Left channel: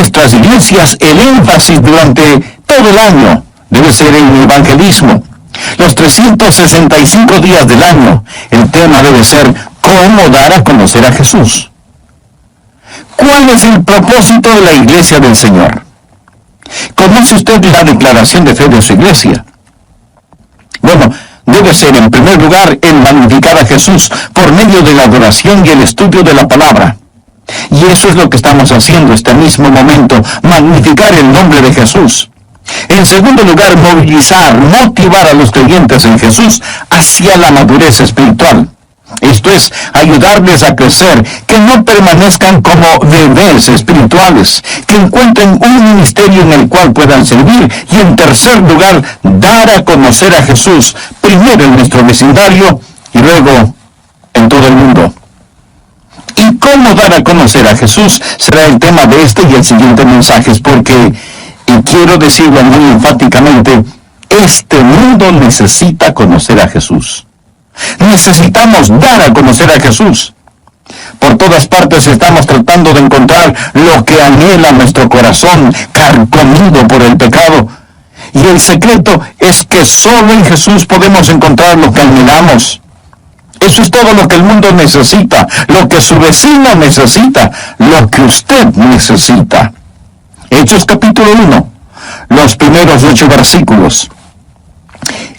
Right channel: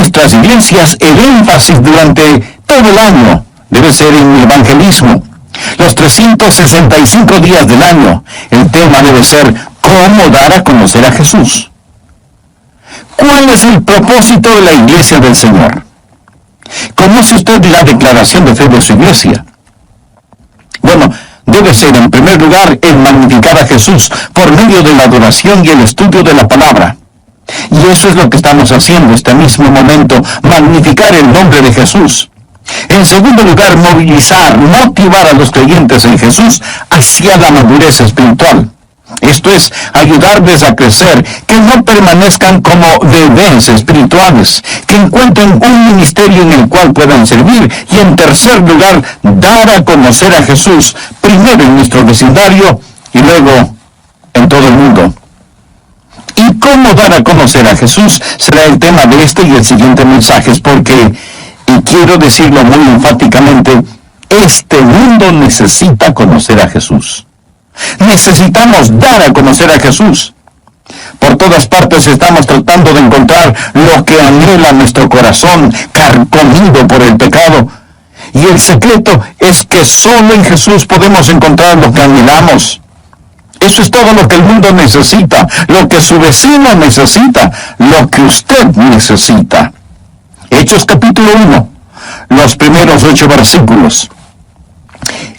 nuestras iglesias el énfasis durante todo el año debe ser en el evangelismo. Los 365 días del año, el tema debe ser cómo dar a conocer a Jesús. ¿Cuál es el propósito de la iglesia del Señor? ¿Conoce usted la declaración de fe de su iglesia? Bueno, debe ser en primer lugar el magnificar a Jesús por medio de la adoración y el estudio de la palabra. Y eso es lo que estamos haciendo este mismo momento, magnificar el nombre de Jesús. En segundo lugar, motivar a los creyentes en Jesús hacia la madurez espiritual. Esto es, ayudarles a crecer, que no permanezcan como bebés espirituales, que encuentren un ministerio en el cual puedan servir. Y en tercer lugar, dar a conocer a Jesús, primero en nuestro vecindario y luego en todo el mundo. ¿Y cómo dar a conocer a Jesús? Será el tema de este y el siguiente mensajes, porque, y quiero decirlo muy enfáticamente, este mundo necesita conocer a Jesús. Necesitamos dar a conocer a Jesús. Por todas partes estamos tratando de encontrar lo que anhela nuestro corazón, carcomido por el pecado. Y el secreto es que solo en Jesús podemos encontrar lo que anhelamos. Eso es todo lo que el mundo necesita, lo que su vecino necesita, lo que usted necesita. Hechos capítulo 1, los primeros 8 versículos.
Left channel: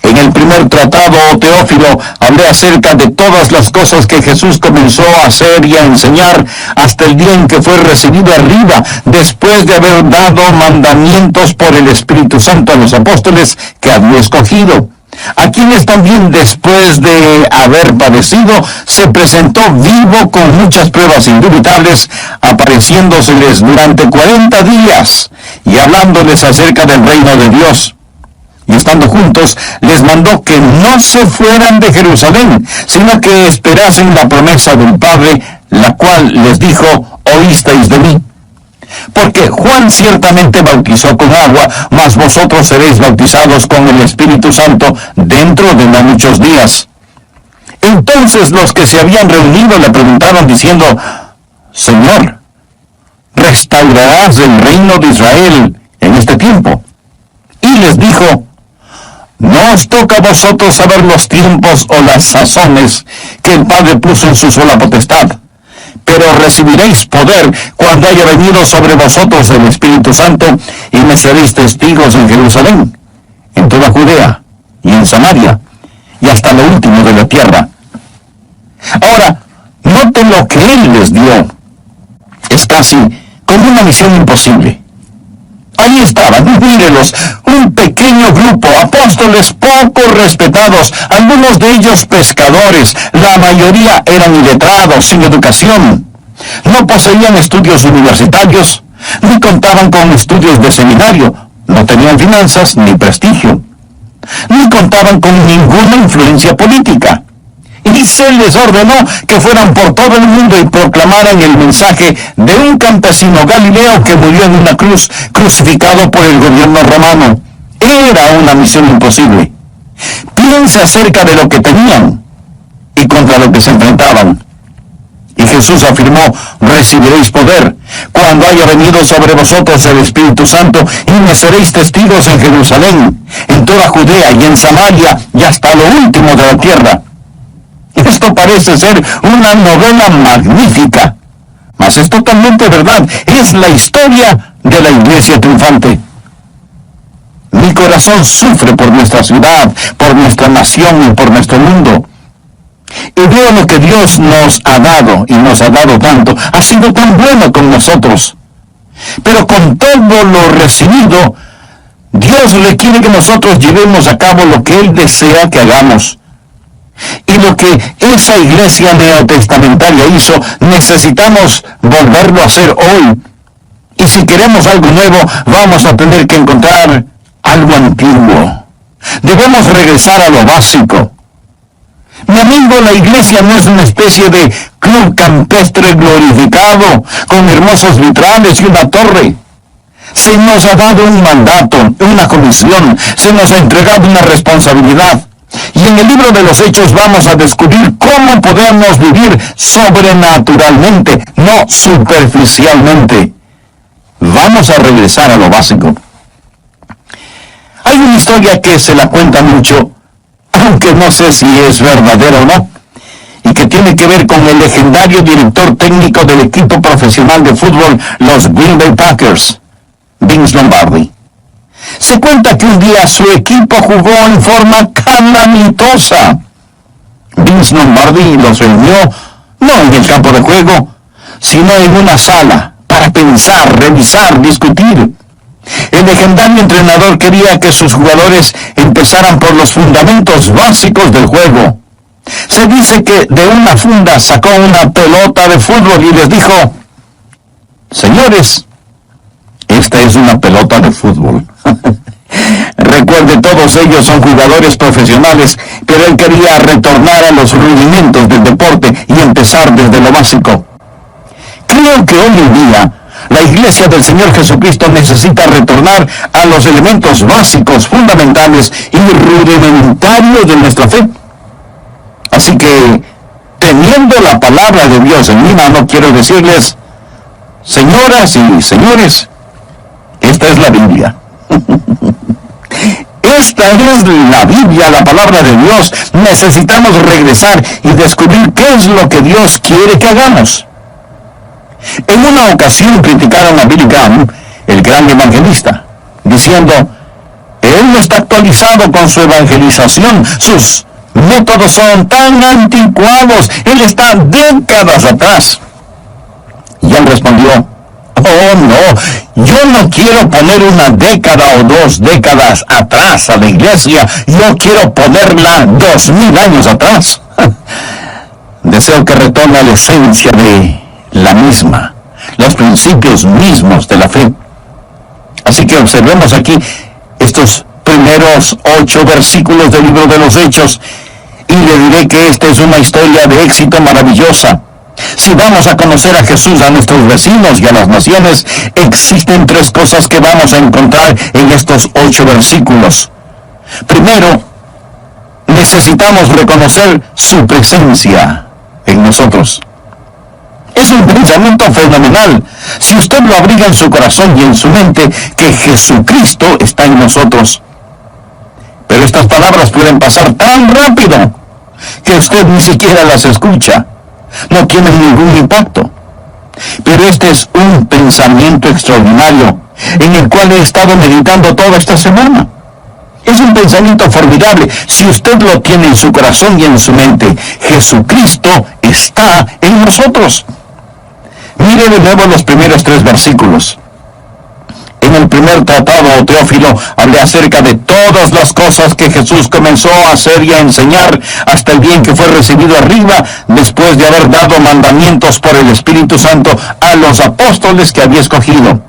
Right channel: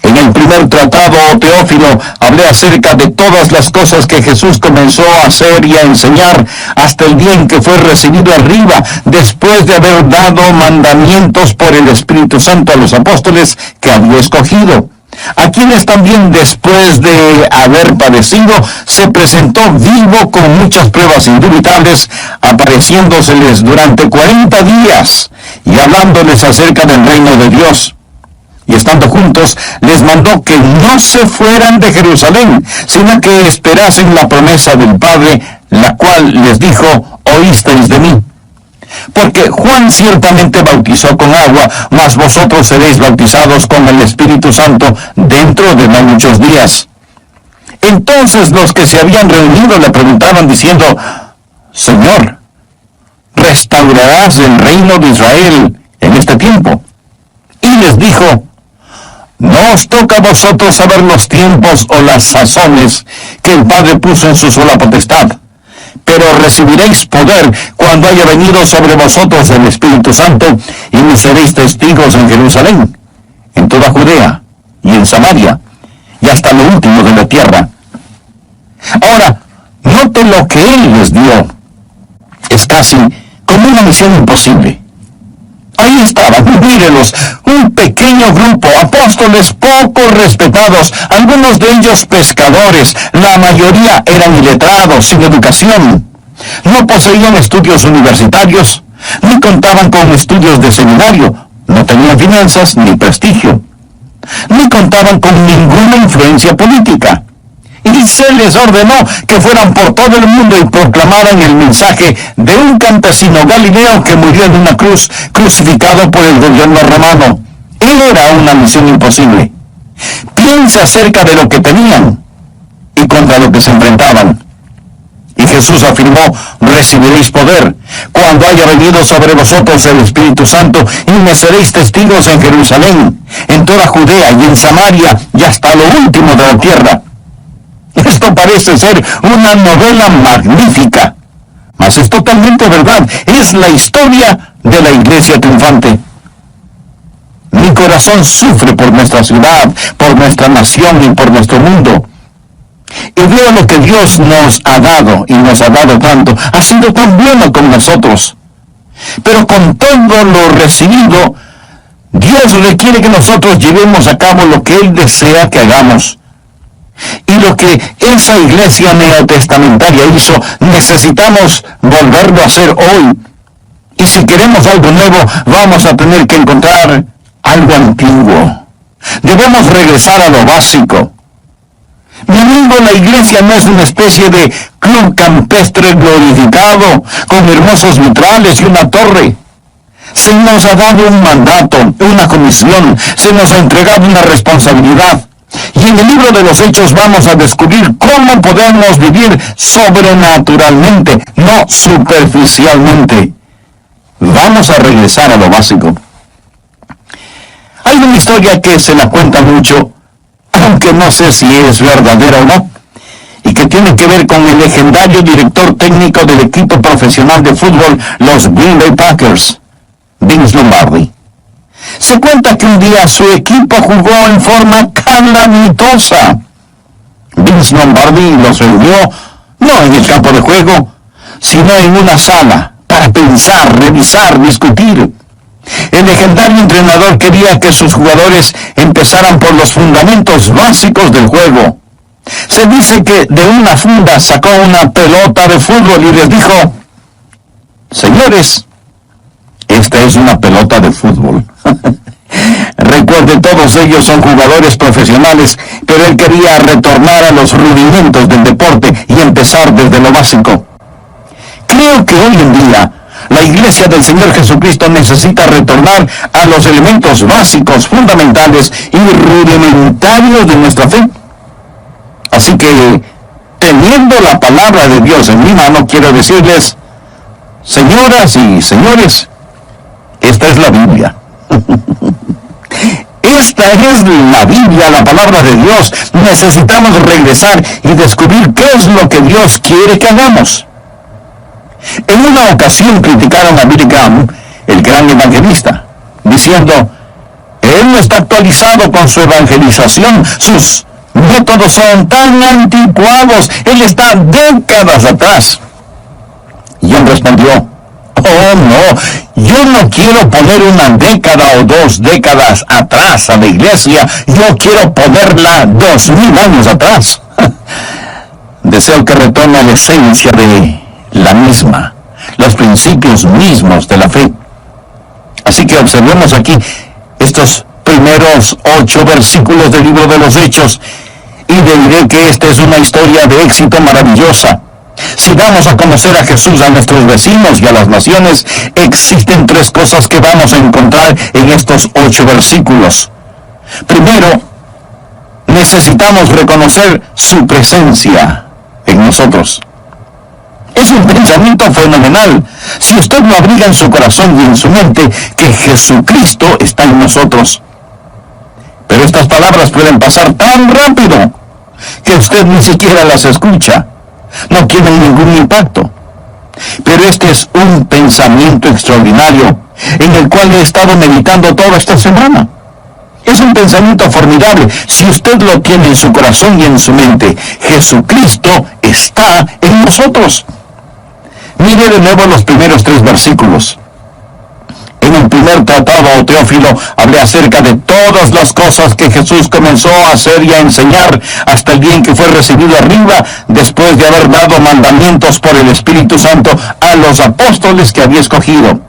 En el primer tratado, Teófilo, hablé acerca de todas las cosas que Jesús comenzó a hacer y a enseñar hasta el día en que fue recibido arriba, después de haber dado mandamientos por el Espíritu Santo a los apóstoles que había escogido, a quienes también después de haber padecido, se presentó vivo con muchas pruebas indubitables, apareciéndoseles durante 40 días y hablándoles acerca del reino de Dios. Y estando juntos, les mandó que no se fueran de Jerusalén, sino que esperasen la promesa del Padre, la cual les dijo, oísteis de mí. Porque Juan ciertamente bautizó con agua, mas vosotros seréis bautizados con el Espíritu Santo dentro de no muchos días. Entonces los que se habían reunido le preguntaron diciendo, Señor, ¿restaurarás el reino de Israel en este tiempo? Y les dijo, no os toca a vosotros saber los tiempos o las sazones que el Padre puso en su sola potestad, pero recibiréis poder cuando haya venido sobre vosotros el Espíritu Santo, y me seréis testigos en Jerusalén, en toda Judea y en Samaria, y hasta lo último de la tierra. Ahora, noten lo que Él les dio. Es casi como una misión imposible. Ahí estaban, mírelos, un pequeño grupo, apóstoles poco respetados, algunos de ellos pescadores, la mayoría eran iletrados, sin educación. No poseían estudios universitarios, ni contaban con estudios de seminario, no tenían finanzas ni prestigio, ni contaban con ninguna influencia política. Y se les ordenó que fueran por todo el mundo y proclamaran el mensaje de un campesino galileo que murió en una cruz, crucificado por el gobierno romano. Era una misión imposible. Piense acerca de lo que tenían y contra lo que se enfrentaban. Y Jesús afirmó, recibiréis poder cuando haya venido sobre vosotros el Espíritu Santo, y me seréis testigos en Jerusalén, en toda Judea y en Samaria, y hasta lo último de la tierra. Esto parece ser una novela magnífica, mas es totalmente verdad. Es la historia de la iglesia triunfante. Mi corazón sufre por nuestra ciudad, por nuestra nación y por nuestro mundo. Y veo lo que Dios nos ha dado, y nos ha dado tanto. Ha sido tan bueno con nosotros. Pero con todo lo recibido, Dios requiere que nosotros llevemos a cabo lo que Él desea que hagamos. Y lo que esa iglesia neotestamentaria hizo, necesitamos volverlo a hacer hoy. Y si queremos algo nuevo, vamos a tener que encontrar algo antiguo. Debemos regresar a lo básico. Mi amigo, la iglesia no es una especie de club campestre glorificado, con hermosos vitrales y una torre. Se nos ha dado un mandato, una comisión, se nos ha entregado una responsabilidad. Y en el libro de los Hechos vamos a descubrir cómo podemos vivir sobrenaturalmente, no superficialmente. Vamos a regresar a lo básico. Hay una historia que se la cuenta mucho, aunque no sé si es verdadera o no, y que tiene que ver con el legendario director técnico del equipo profesional de fútbol, los Green Bay Packers, Vince Lombardi. Se cuenta que un día su equipo jugó en forma calamitosa. Vince Lombardi los reunió, no en el campo de juego, sino en una sala, para pensar, revisar, discutir. El legendario entrenador quería que sus jugadores empezaran por los fundamentos básicos del juego. Se dice que de una funda sacó una pelota de fútbol y les dijo: señores, esta es una pelota de fútbol. Recuerde, todos ellos son jugadores profesionales, pero él quería retornar a los rudimentos del deporte y empezar desde lo básico. Creo que hoy en día la Iglesia del Señor Jesucristo necesita retornar a los elementos básicos, fundamentales y rudimentarios de nuestra fe. Así que, teniendo la palabra de Dios en mi mano, quiero decirles, señoras y señores, esta es la Biblia. Esta es la Biblia, la palabra de Dios. Necesitamos regresar y descubrir qué es lo que Dios quiere que hagamos. En una ocasión criticaron a Billy Graham, el gran evangelista, diciendo: él no está actualizado con su evangelización, sus métodos son tan anticuados, él está décadas atrás. Y él respondió: oh no, yo no quiero poner una década o 2 décadas atrás a la iglesia, yo quiero ponerla 2000 años atrás. Deseo que retome a la esencia de la misma, los principios mismos de la fe. Así que observemos aquí estos primeros 8 versículos del libro de los Hechos, y le diré que esta es una historia de éxito maravillosa. Si damos a conocer a Jesús a nuestros vecinos y a las naciones, existen 3 cosas que vamos a encontrar en estos 8 versículos. Primero, necesitamos reconocer su presencia en nosotros. Es un pensamiento fenomenal, si usted lo abriga en su corazón y en su mente, que Jesucristo está en nosotros. Pero estas palabras pueden pasar tan rápido que usted ni siquiera las escucha. No tienen ningún impacto. Pero este es un pensamiento extraordinario en el cual he estado meditando toda esta semana. Es un pensamiento formidable. Si usted lo tiene en su corazón y en su mente, Jesucristo está en nosotros. Mire de nuevo los primeros 3 versículos. En el primer tratado, Teófilo, hablé acerca de todas las cosas que Jesús comenzó a hacer y a enseñar hasta el día en que fue recibido arriba, después de haber dado mandamientos por el Espíritu Santo a los apóstoles que había escogido,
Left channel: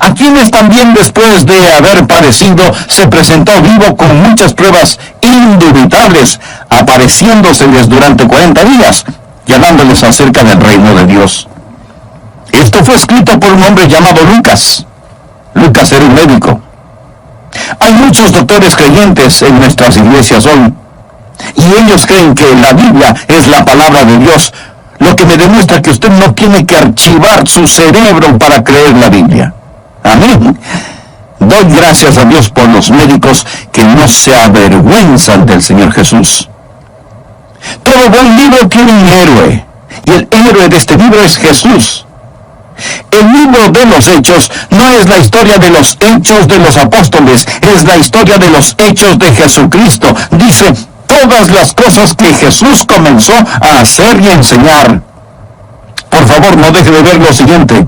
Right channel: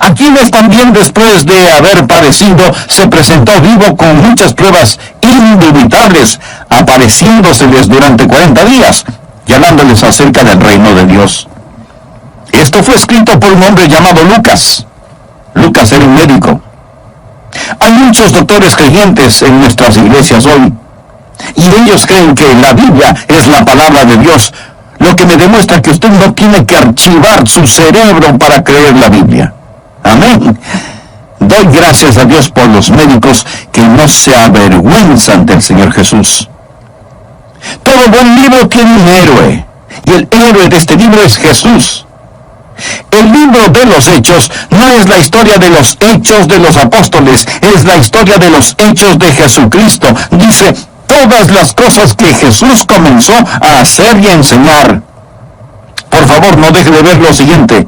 a quienes también después de haber padecido se presentó vivo con muchas pruebas indubitables, apareciéndoseles durante 40 días y hablándoles acerca del reino de Dios. Esto fue escrito por un hombre llamado Lucas. Lucas era un médico. Hay muchos doctores creyentes en nuestras iglesias hoy, y ellos creen que la Biblia es la palabra de Dios, lo que me demuestra que usted no tiene que archivar su cerebro para creer la Biblia. Amén. Doy gracias a Dios por los médicos que no se avergüenzan del Señor Jesús. Todo buen libro tiene un héroe, y el héroe de este libro es Jesús. El libro de los Hechos no es la historia de los hechos de los apóstoles, es la historia de los hechos de Jesucristo. Dice todas las cosas que Jesús comenzó a hacer y a enseñar. Por favor, no deje de ver lo siguiente.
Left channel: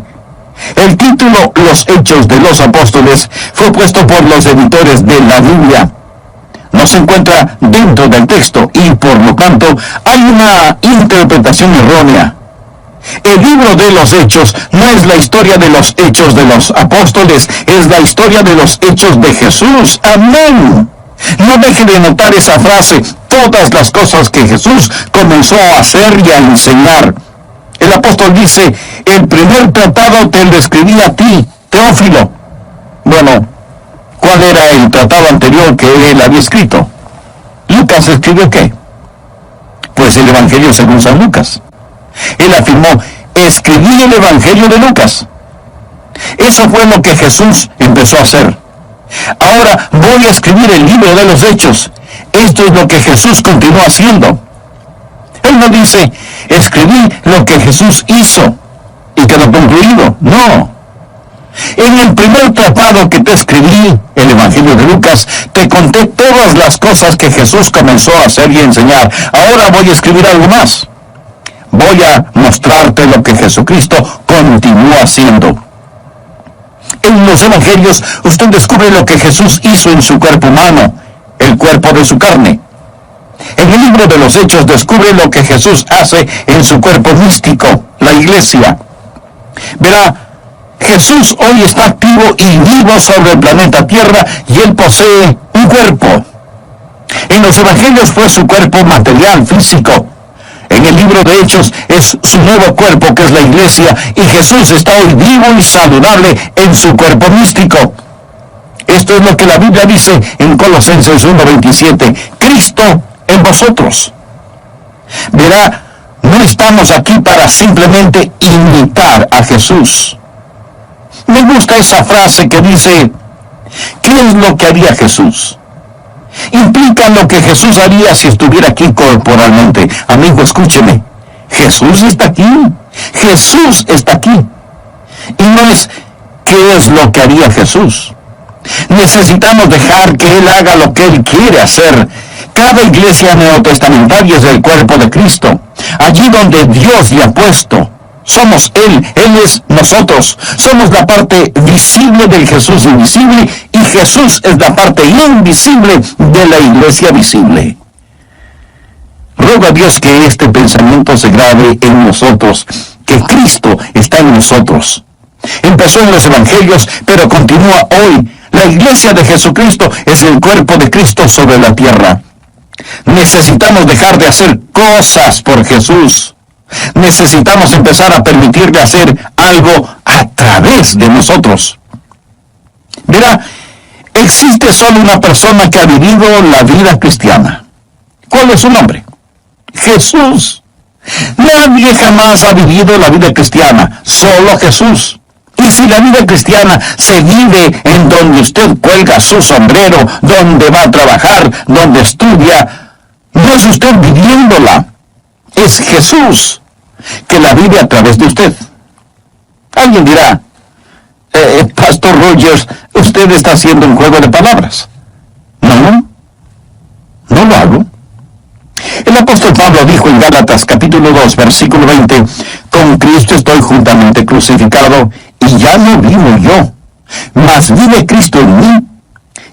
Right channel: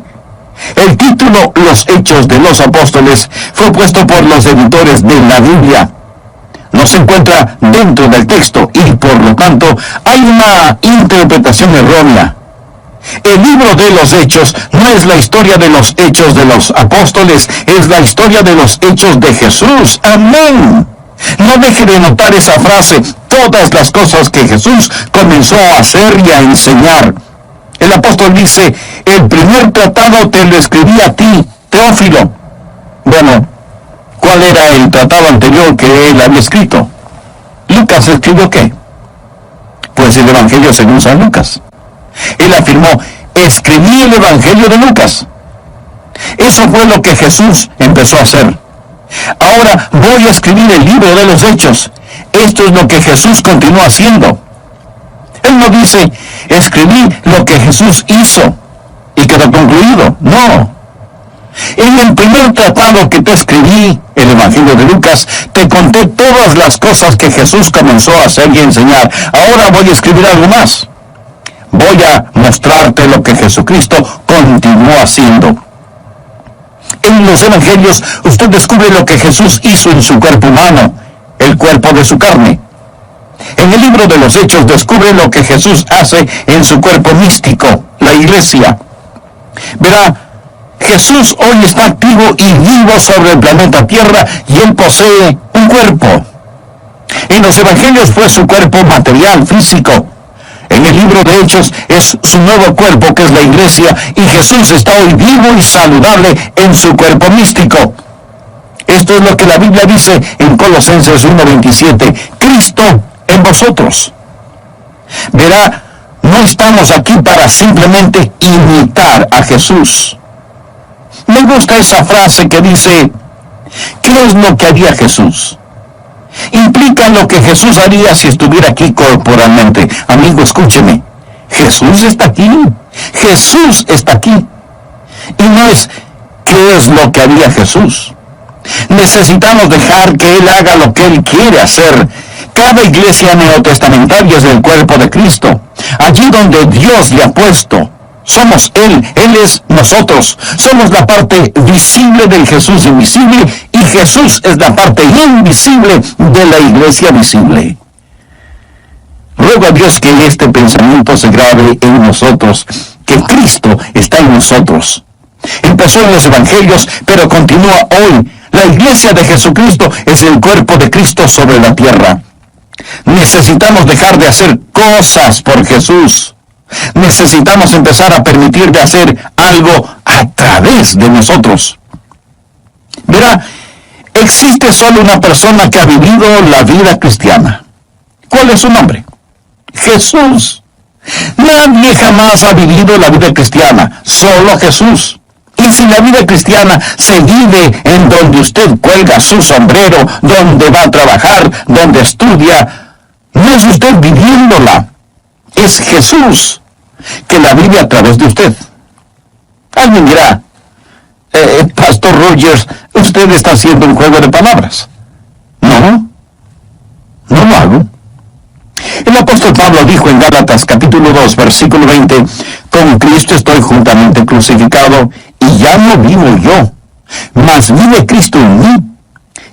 El título Los Hechos de los Apóstoles fue puesto por los editores de la Biblia. No se encuentra dentro del texto y por lo tanto hay una interpretación errónea. El libro de los Hechos no es la historia de los hechos de los apóstoles, es la historia de los hechos de Jesús. Amén. No deje de notar esa frase, todas las cosas que Jesús comenzó a hacer y a enseñar. El apóstol dice, el primer tratado te lo escribí a ti, Teófilo. Bueno, ¿cuál era el tratado anterior que él había escrito? ¿Lucas escribió qué? Pues el Evangelio según San Lucas. Él afirmó, escribí el Evangelio de Lucas. Eso fue lo que Jesús empezó a hacer. Ahora voy a escribir el libro de los Hechos. Esto es lo que Jesús continuó haciendo. Él no dice, escribí lo que Jesús hizo y quedó concluido. No. En el primer tratado que te escribí, el Evangelio de Lucas, te conté todas las cosas que Jesús comenzó a hacer y enseñar. Ahora voy a escribir algo más. Voy a mostrarte lo que Jesucristo continuó haciendo. En los Evangelios, usted descubre lo que Jesús hizo en su cuerpo humano, el cuerpo de su carne. En el libro de los Hechos descubre lo que Jesús hace en su cuerpo místico, la iglesia. Verá, Jesús hoy está activo y vivo sobre el planeta Tierra y Él posee un cuerpo. En los Evangelios fue su cuerpo material, físico. En el libro de Hechos es su nuevo cuerpo, que es la iglesia, y Jesús está hoy vivo y saludable en su cuerpo místico. Esto es lo que la Biblia dice en Colosenses 1:27, Cristo en vosotros. Verá, no estamos aquí para simplemente imitar a Jesús. Me gusta esa frase que dice, ¿qué es lo que haría Jesús? Implica lo que Jesús haría si estuviera aquí corporalmente. Amigo, escúcheme. Jesús está aquí. Jesús está aquí. Y no es ¿qué es lo que haría Jesús? Necesitamos dejar que Él haga lo que Él quiere hacer. Cada iglesia neotestamentaria es el cuerpo de Cristo. Allí donde Dios le ha puesto. Somos Él es nosotros. Somos la parte visible del Jesús invisible y Jesús es la parte invisible de la iglesia visible. Ruego a Dios que este pensamiento se grabe en nosotros, que Cristo está en nosotros. Empezó en los Evangelios, pero continúa hoy. La iglesia de Jesucristo es el cuerpo de Cristo sobre la tierra. Necesitamos dejar de hacer cosas por Jesús. Necesitamos empezar a permitirle hacer algo a través de nosotros. Verá, existe solo una persona que ha vivido la vida cristiana. ¿Cuál es su nombre? Jesús. Nadie jamás ha vivido la vida cristiana, solo Jesús. Y si la vida cristiana se vive en donde usted cuelga su sombrero, donde va a trabajar, donde estudia, no es usted viviéndola. Es Jesús que la vive a través de usted. Alguien dirá, Pastor Rogers, usted está haciendo un juego de palabras. No lo hago. El apóstol Pablo dijo en Gálatas capítulo 2, versículo 20, con Cristo estoy juntamente crucificado, y ya no vivo yo, mas vive Cristo en mí.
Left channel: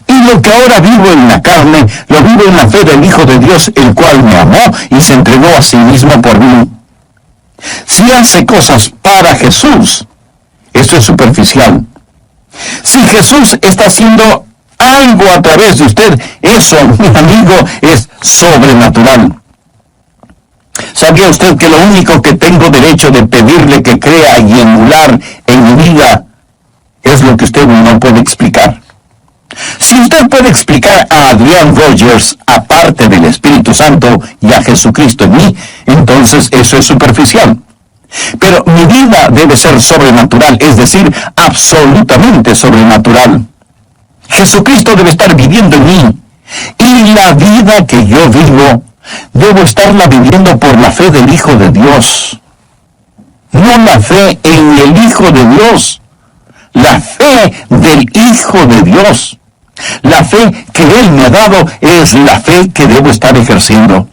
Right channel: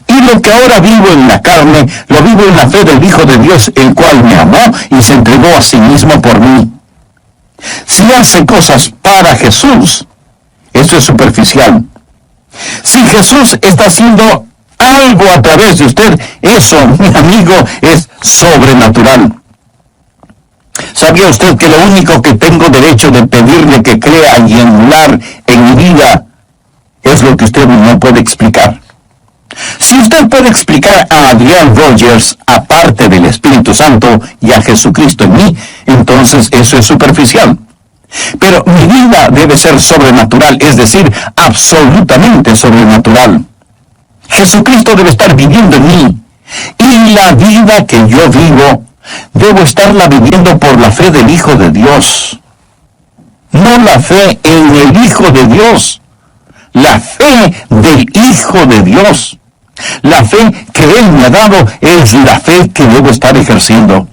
Y lo que ahora vivo en la carne, lo vivo en la fe del Hijo de Dios, el cual me amó y se entregó a sí mismo por mí. Si hace cosas para Jesús, eso es superficial. Si Jesús está haciendo algo a través de usted, eso, mi amigo, es sobrenatural. ¿Sabía usted que lo único que tengo derecho de pedirle que crea y emular en mi vida es lo que usted no puede explicar? Si usted puede explicar a Adrián Rogers aparte del Espíritu Santo y a Jesucristo en mí, entonces eso es superficial. Pero mi vida debe ser sobrenatural, es decir, absolutamente sobrenatural. Jesucristo debe estar viviendo en mí. Y la vida que yo vivo, debo estarla viviendo por la fe del Hijo de Dios. No la fe en el Hijo de Dios. La fe del Hijo de Dios. La fe que Él me ha dado es la fe que debo estar ejerciendo.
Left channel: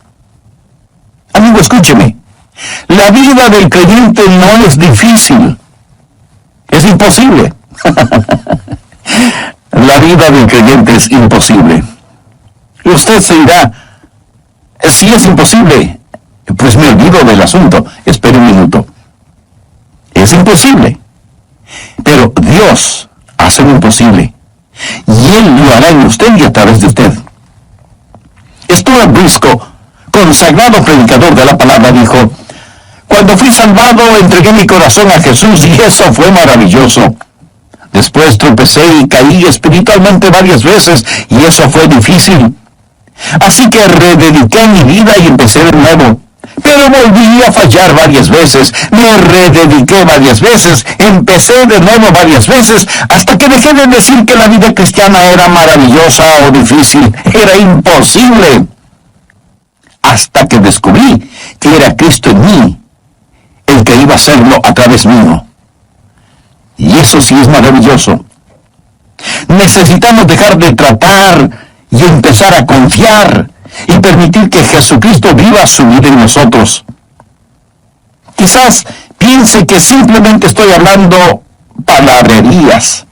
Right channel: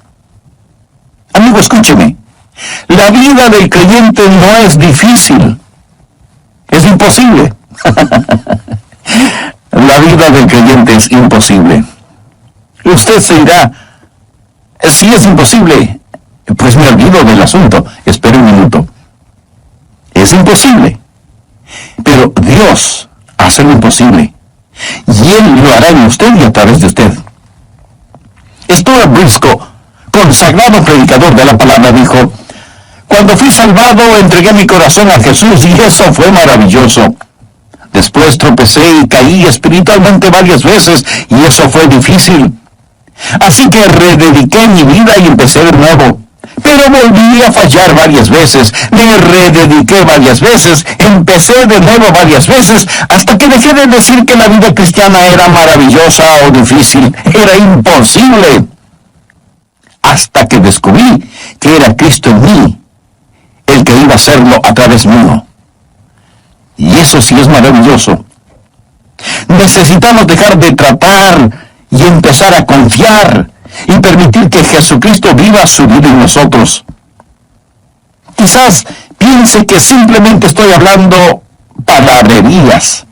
Amigo, escúcheme. La vida del creyente no es difícil. Es imposible. La vida del creyente es imposible. Y usted se dirá, si es imposible, pues me olvido del asunto. Espere un minuto. Es imposible. Pero Dios hace lo imposible. Y Él lo hará en usted y a través de usted. Stuart Briscoe, consagrado predicador de la palabra, dijo, cuando fui salvado, entregué mi corazón a Jesús y eso fue maravilloso. Después tropecé y caí espiritualmente varias veces y eso fue difícil. Así que redediqué mi vida y empecé de nuevo. Pero volví a fallar varias veces, me redediqué varias veces, empecé de nuevo varias veces, hasta que dejé de decir que la vida cristiana era maravillosa o difícil, era imposible. Hasta que descubrí que era Cristo en mí, el que iba a hacerlo a través mío. Y eso sí es maravilloso. Necesitamos dejar de tratar y empezar a confiar y permitir que Jesucristo viva su vida en nosotros. Quizás piense que simplemente estoy hablando palabrerías,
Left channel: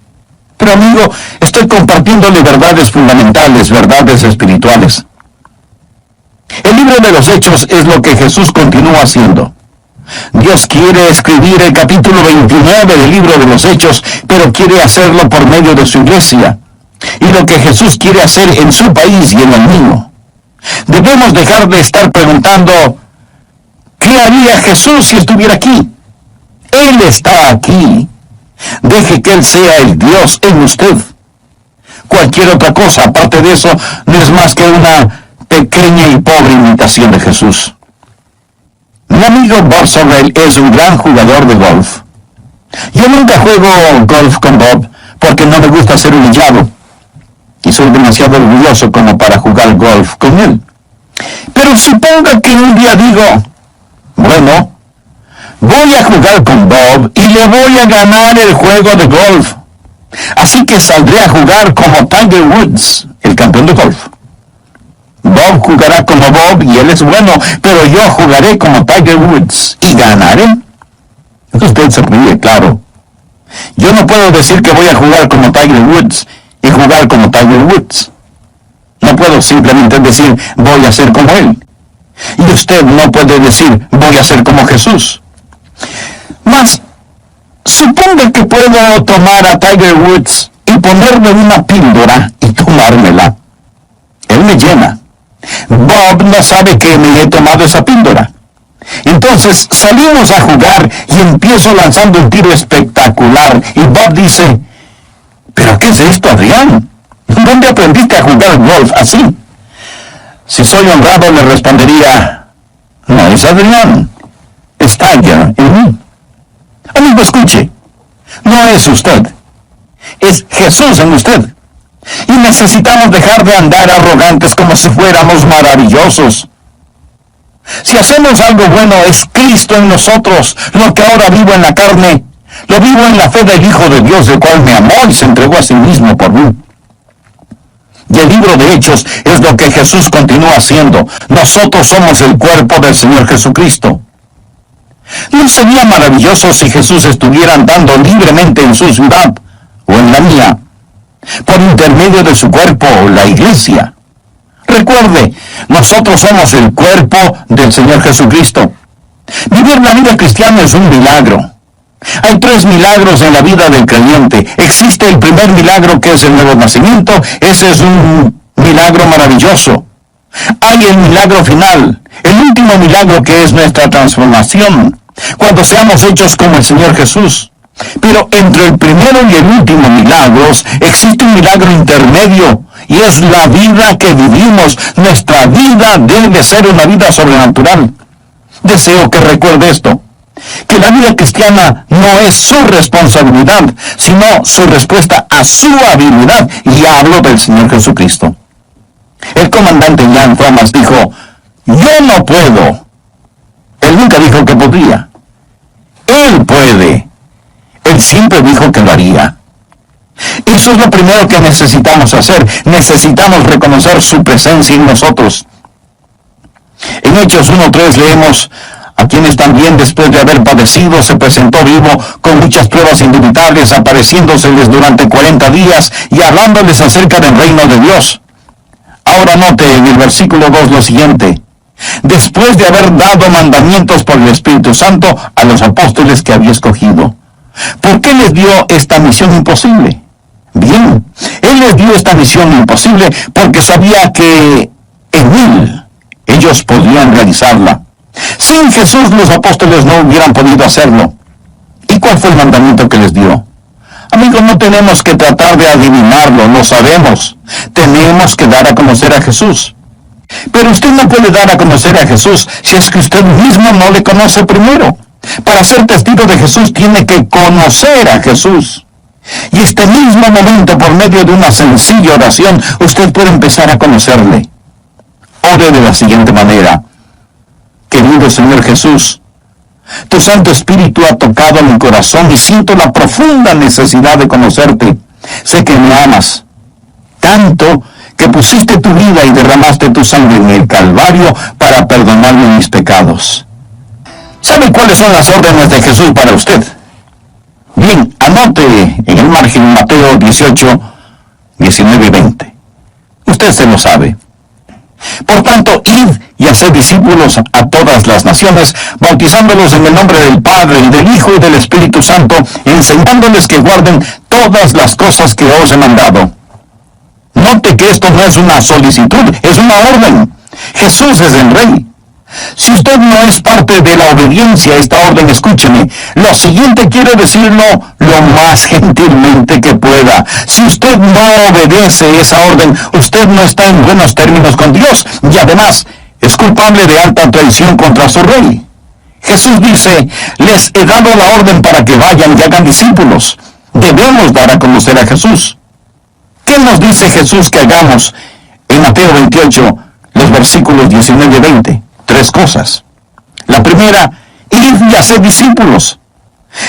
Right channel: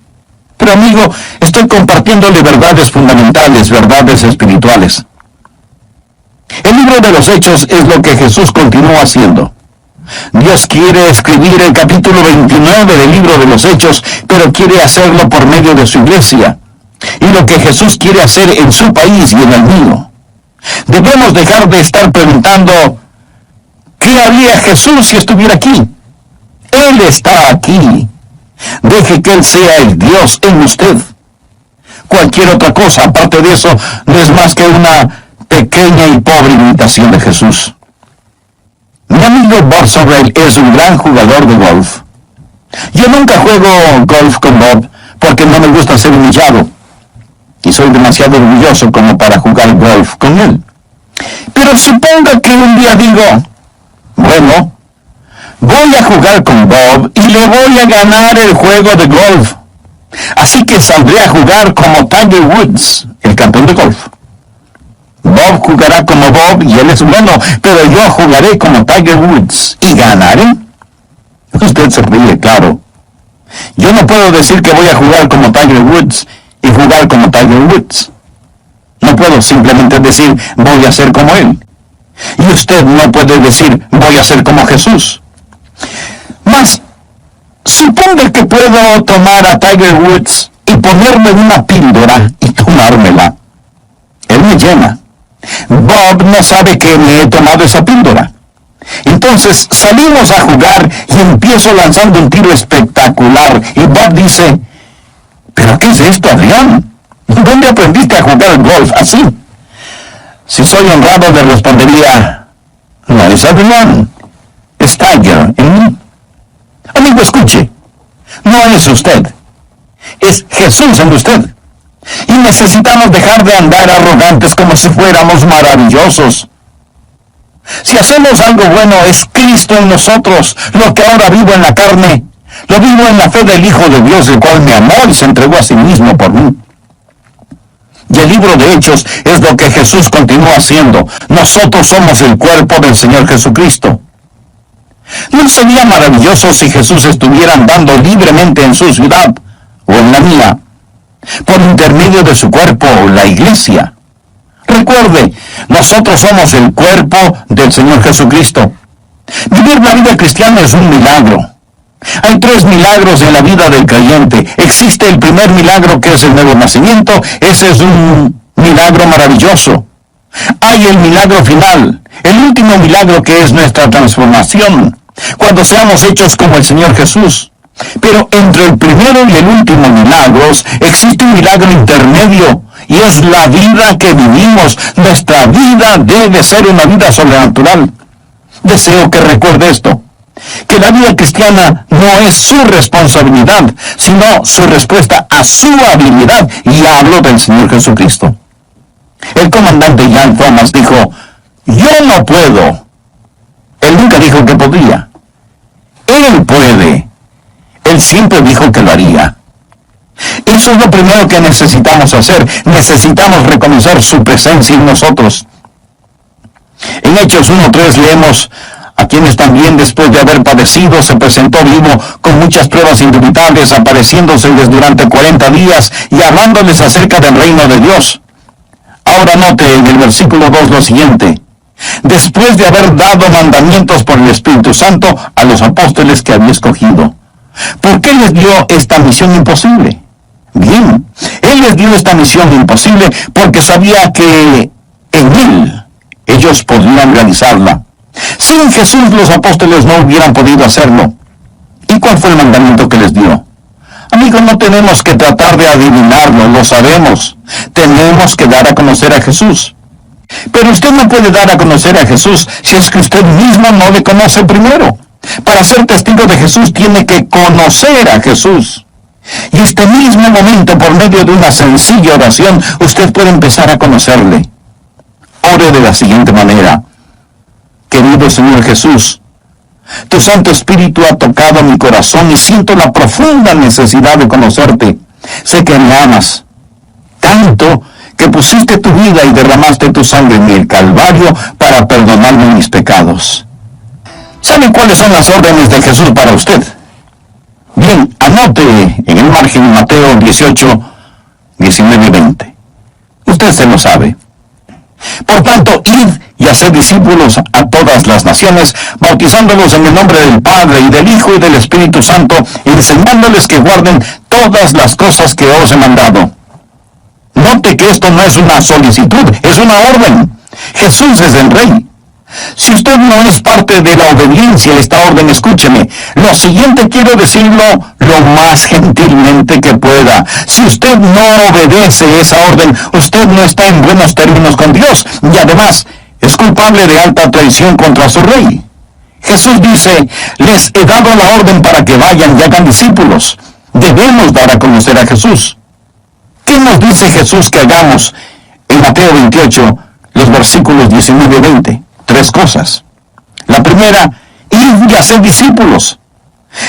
pero amigo, estoy compartiéndole verdades fundamentales, verdades espirituales. El libro de los Hechos es lo que Jesús continúa haciendo. Dios quiere escribir el capítulo 29 del libro de los Hechos, pero quiere hacerlo por medio de su iglesia. Y lo que Jesús quiere hacer en su país y en el mío. Debemos dejar de estar preguntando, ¿qué haría Jesús si estuviera aquí? Él está aquí. Deje que Él sea el Dios en usted. Cualquier otra cosa, aparte de eso, no es más que una pequeña y pobre imitación de Jesús. Mi amigo Bob Sorrell es un gran jugador de golf. Yo nunca juego golf con Bob porque no me gusta ser humillado. Y soy demasiado orgulloso como para jugar golf con él. Pero suponga que un día digo, bueno, voy a jugar con Bob y le voy a ganar el juego de golf. Así que saldré a jugar como Tiger Woods, el campeón de golf. Bob jugará como Bob y él es bueno, pero yo jugaré como Tiger Woods y ganaré. Usted se ríe, claro. Yo no puedo decir que voy a jugar como Tiger Woods y jugar como Tiger Woods. No puedo simplemente decir voy a ser como él. Y usted no puede decir voy a ser como Jesús. Mas, suponga que puedo tomar a Tiger Woods y ponerle una píldora y tomármela. Él me llena. Bob no sabe que me he tomado esa píldora. Entonces salimos a jugar y empiezo lanzando un tiro espectacular. Y Bob dice, ¿pero qué es esto, Adrián? ¿Dónde aprendiste a jugar golf así? Si soy honrado, le respondería, no es Adrián, es Tiger en mí. Amigo, escuche, no es usted, es Jesús en usted. Y necesitamos dejar de andar arrogantes como si fuéramos maravillosos. Si hacemos algo bueno, es Cristo en nosotros. Lo que ahora vivo en la carne, lo vivo en la fe del Hijo de Dios, el cual me amó y se entregó a sí mismo por mí. Y el libro de Hechos es lo que Jesús continúa haciendo. Nosotros somos el cuerpo del Señor Jesucristo. ¿No sería maravilloso si Jesús estuviera andando libremente en su ciudad o en la mía, por intermedio de su cuerpo, la iglesia? Recuerde, nosotros somos el cuerpo del Señor Jesucristo. Vivir la vida cristiana es un milagro. Hay 3 milagros en la vida del creyente. Existe el primer milagro, que es el nuevo nacimiento. Ese es un milagro maravilloso. Hay el milagro final, el último milagro, que es nuestra transformación, cuando seamos hechos como el Señor Jesús. Pero entre el primero y el último milagros existe un milagro intermedio, y es la vida que vivimos. Nuestra vida debe ser una vida sobrenatural. Deseo que recuerde esto, que la vida cristiana no es su responsabilidad, sino su respuesta a su habilidad, y hablo del Señor Jesucristo. El comandante Jan Thomas dijo, yo no puedo. Él nunca dijo que podría. Él puede. Él siempre dijo que lo haría. Eso es lo primero que necesitamos hacer. Necesitamos reconocer su presencia en nosotros. En Hechos 1:3 leemos, a quienes también después de haber padecido se presentó vivo con muchas pruebas indubitables, apareciéndoseles durante 40 días y hablándoles acerca del reino de Dios. Ahora note en el versículo 2 lo siguiente: después de haber dado mandamientos por el Espíritu Santo a los apóstoles que había escogido. ¿Por qué les dio esta misión imposible? Bien, Él les dio esta misión imposible porque sabía que en Él ellos podrían realizarla. Sin Jesús los apóstoles no hubieran podido hacerlo. ¿Y cuál fue el mandamiento que les dio? Amigos, no tenemos que tratar de adivinarlo, lo sabemos. Tenemos que dar a conocer a Jesús. Pero usted no puede dar a conocer a Jesús si es que usted mismo no le conoce primero. Para ser testigo de Jesús tiene que conocer a Jesús. Y este mismo momento, por medio de una sencilla oración, usted puede empezar a conocerle. Ore de la siguiente manera: querido Señor Jesús, tu Santo Espíritu ha tocado mi corazón y siento la profunda necesidad de conocerte. Sé que me amas tanto que pusiste tu vida y derramaste tu sangre en el Calvario para perdonarme mis pecados. ¿Sabe cuáles son las órdenes de Jesús para usted? Bien, anote en el margen Mateo 18, 19 y 20. Usted se lo sabe. Por tanto, id y haced discípulos a todas las naciones, bautizándolos en el nombre del Padre, y del Hijo, y del Espíritu Santo, enseñándoles que guarden todas las cosas que os he mandado. Note que esto no es una solicitud, es una orden. Jesús es el Rey. Si usted no es parte de la obediencia a esta orden, escúcheme. Lo siguiente quiero decirlo lo más gentilmente que pueda. Si usted no obedece esa orden, usted no está en buenos términos con Dios, y además es culpable de alta traición contra su Rey. Jesús dice: les he dado la orden para que vayan y hagan discípulos. Debemos dar a conocer a Jesús. ¿Qué nos dice Jesús que hagamos en Mateo 28, los versículos 19 y 20? Tres cosas. La primera: id y haced discípulos.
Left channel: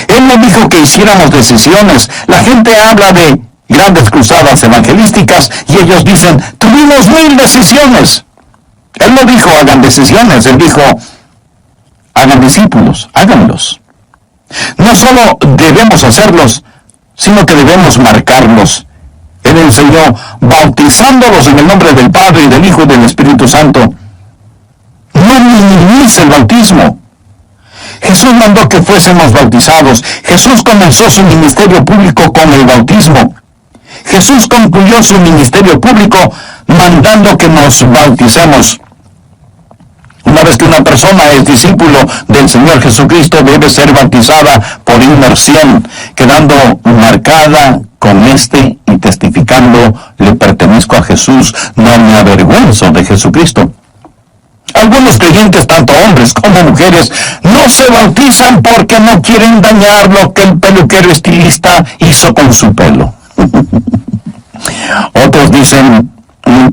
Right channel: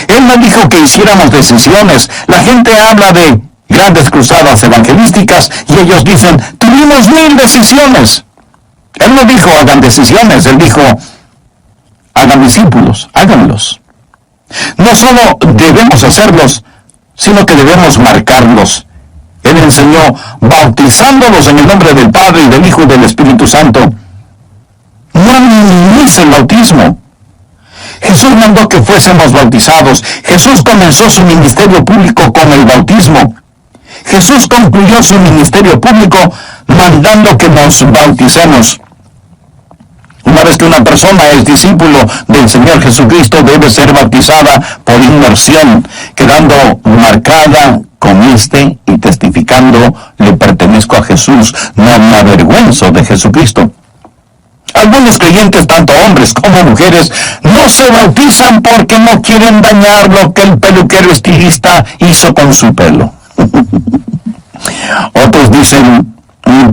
Él no dijo que hiciéramos decisiones. La gente habla de grandes cruzadas evangelísticas y ellos dicen: tuvimos 1000 decisiones. Él no dijo hagan decisiones, él dijo hagan discípulos, háganlos. No solo debemos hacerlos, sino que debemos marcarlos. Él enseñó bautizándolos en el nombre del Padre, y del Hijo, y del Espíritu Santo. No minimice el bautismo. Jesús mandó que fuésemos bautizados. Jesús comenzó su ministerio público con el bautismo. Jesús concluyó su ministerio público mandando que nos bauticemos. Una vez que una persona es discípulo del Señor Jesucristo, debe ser bautizada por inmersión, quedando marcada con y testificando: le pertenezco a Jesús, no me avergüenzo de Jesucristo. Algunos creyentes, tanto hombres como mujeres, no se bautizan porque no quieren dañar lo que el peluquero estilista hizo con su pelo. Otros dicen:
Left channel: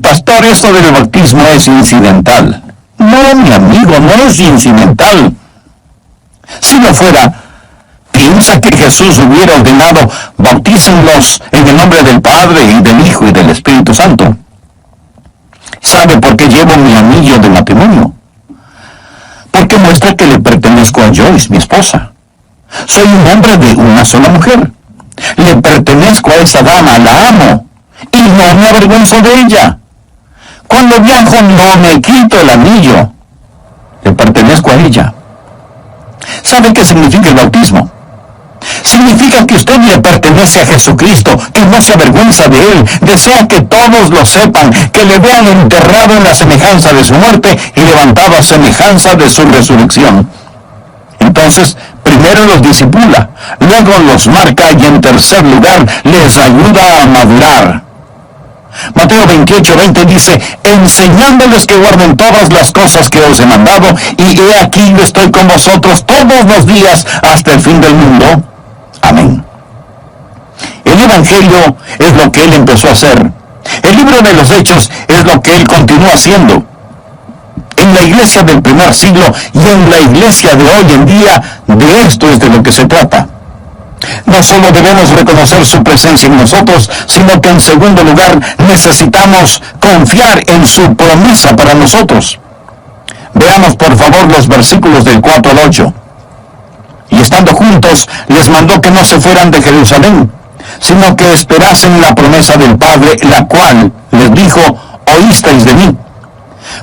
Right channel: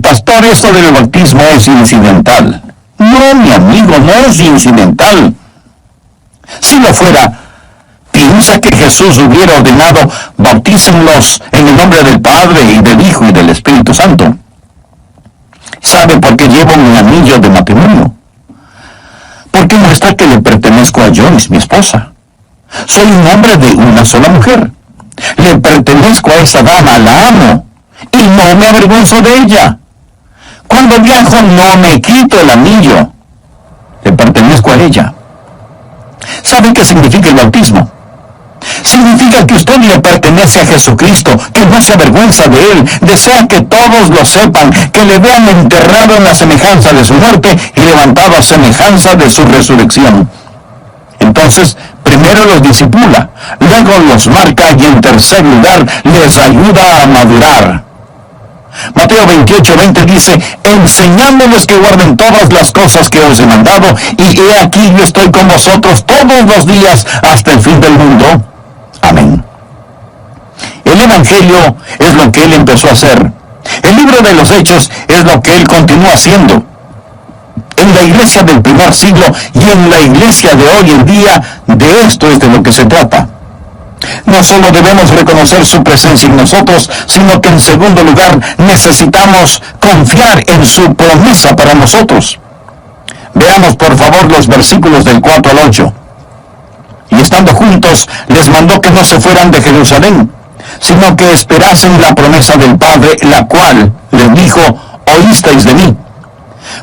pastor, esto del bautismo es incidental. No, mi amigo, no es incidental. Si lo fuera, ¿piensa que Jesús hubiera ordenado: bautícenlos en el nombre del Padre, y del Hijo, y del Espíritu Santo? ¿Sabe por qué llevo mi anillo de matrimonio? Porque muestra que le pertenezco a Joyce, mi esposa. Soy un hombre de una sola mujer. Le pertenezco a esa dama, la amo, y no me avergüenzo de ella. Cuando viajo no me quito el anillo. Le pertenezco a ella. ¿Sabe qué significa el bautismo? Significa que usted le pertenece a Jesucristo, que no se avergüenza de Él, desea que todos lo sepan, que le vean enterrado en la semejanza de su muerte y levantado a semejanza de su resurrección. Entonces, primero los discipula, luego los marca y en tercer lugar les ayuda a madurar. Mateo 28, 20 dice: enseñándoles que guarden todas las cosas que os he mandado, y he aquí yo estoy con vosotros todos los días hasta el fin del mundo. Amén. El Evangelio es lo que Él empezó a hacer. El libro de los Hechos es lo que Él continúa haciendo. En la iglesia del primer siglo y en la iglesia de hoy en día, de esto es de lo que se trata. No solo debemos reconocer su presencia en nosotros, sino que en segundo lugar necesitamos confiar en su promesa para nosotros. Veamos por favor los versículos del 4 al 8. Y estando juntos, les mandó que no se fueran de Jerusalén, sino que esperasen la promesa del Padre, la cual les dijo: oísteis de mí.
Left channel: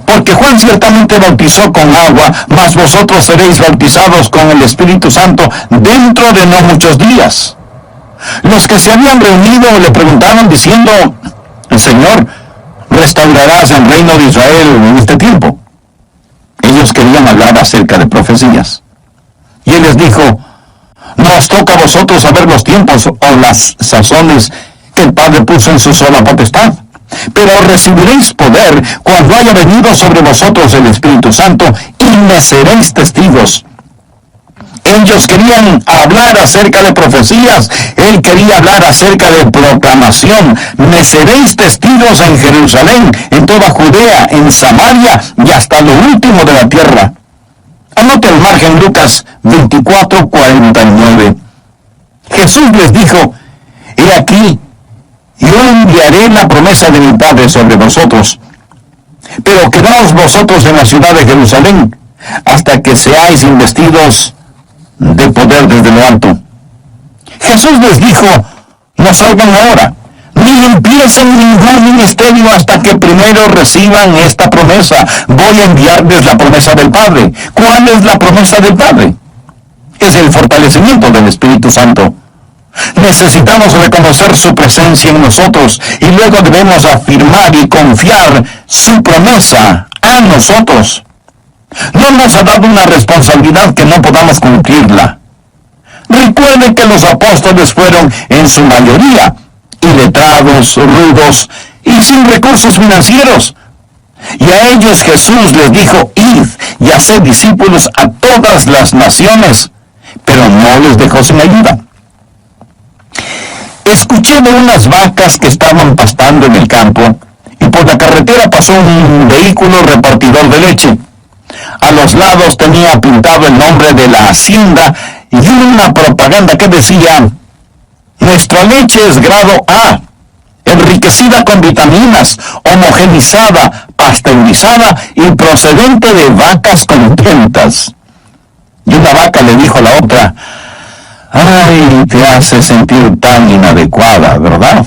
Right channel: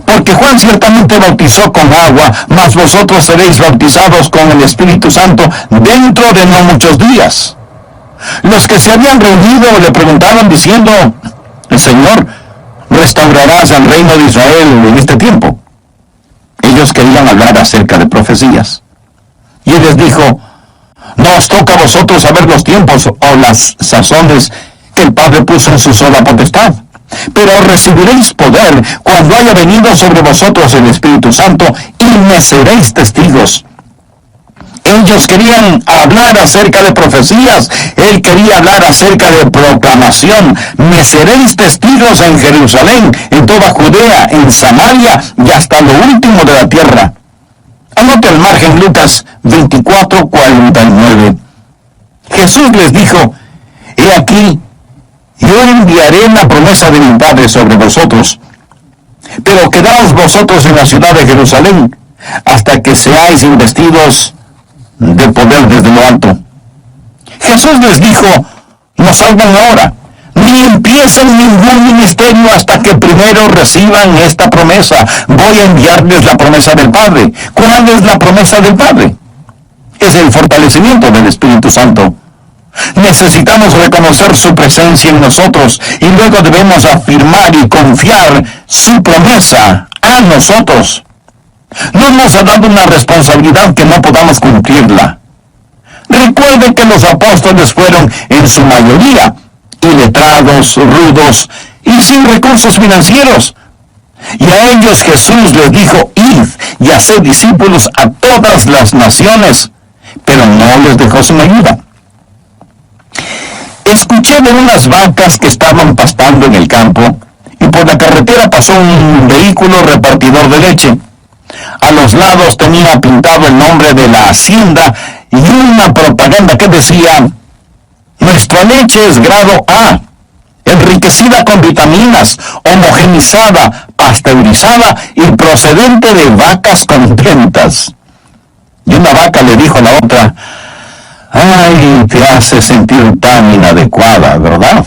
Porque Juan ciertamente bautizó con agua, mas vosotros seréis bautizados con el Espíritu Santo dentro de no muchos días. Los que se habían reunido le preguntaron diciendo: Señor, ¿restaurarás el reino de Israel en este tiempo? Ellos querían hablar acerca de profecías. Y Él les dijo: no os toca a vosotros saber los tiempos o las sazones que el Padre puso en su sola potestad, Pero recibiréis poder cuando haya venido sobre vosotros el Espíritu Santo, y me seréis testigos. Ellos querían hablar acerca de profecías, él quería hablar acerca de proclamación. Me seréis testigos en Jerusalén, en toda Judea, en Samaria y hasta lo último de la tierra. Anote al margen Lucas 24:49. Jesús les dijo: he aquí, yo enviaré la promesa de mi Padre sobre vosotros, pero quedaos vosotros en la ciudad de Jerusalén hasta que seáis investidos de poder desde lo alto. Jesús les dijo: no salgan ahora, ni empiecen ningún ministerio hasta que primero reciban esta promesa. Voy a enviarles la promesa del Padre. ¿Cuál es la promesa del Padre? Es el fortalecimiento del Espíritu Santo. Necesitamos reconocer su presencia en nosotros y luego debemos afirmar y confiar su promesa a nosotros. No nos ha dado una responsabilidad que no podamos cumplirla. Recuerde que los apóstoles fueron en su mayoría iletrados, rudos y sin recursos financieros. Y a ellos Jesús les dijo: id y haced discípulos a todas las naciones, pero no les dejó sin ayuda. Escuché de unas vacas que estaban pastando en el campo y por la carretera pasó un vehículo repartidor de leche. A los lados tenía pintado el nombre de la hacienda y una propaganda que decía: nuestra leche es grado A, enriquecida con vitaminas, homogenizada, pasteurizada y procedente de vacas contentas. Y una vaca le dijo a la otra: ay, te hace sentir tan inadecuada, ¿verdad?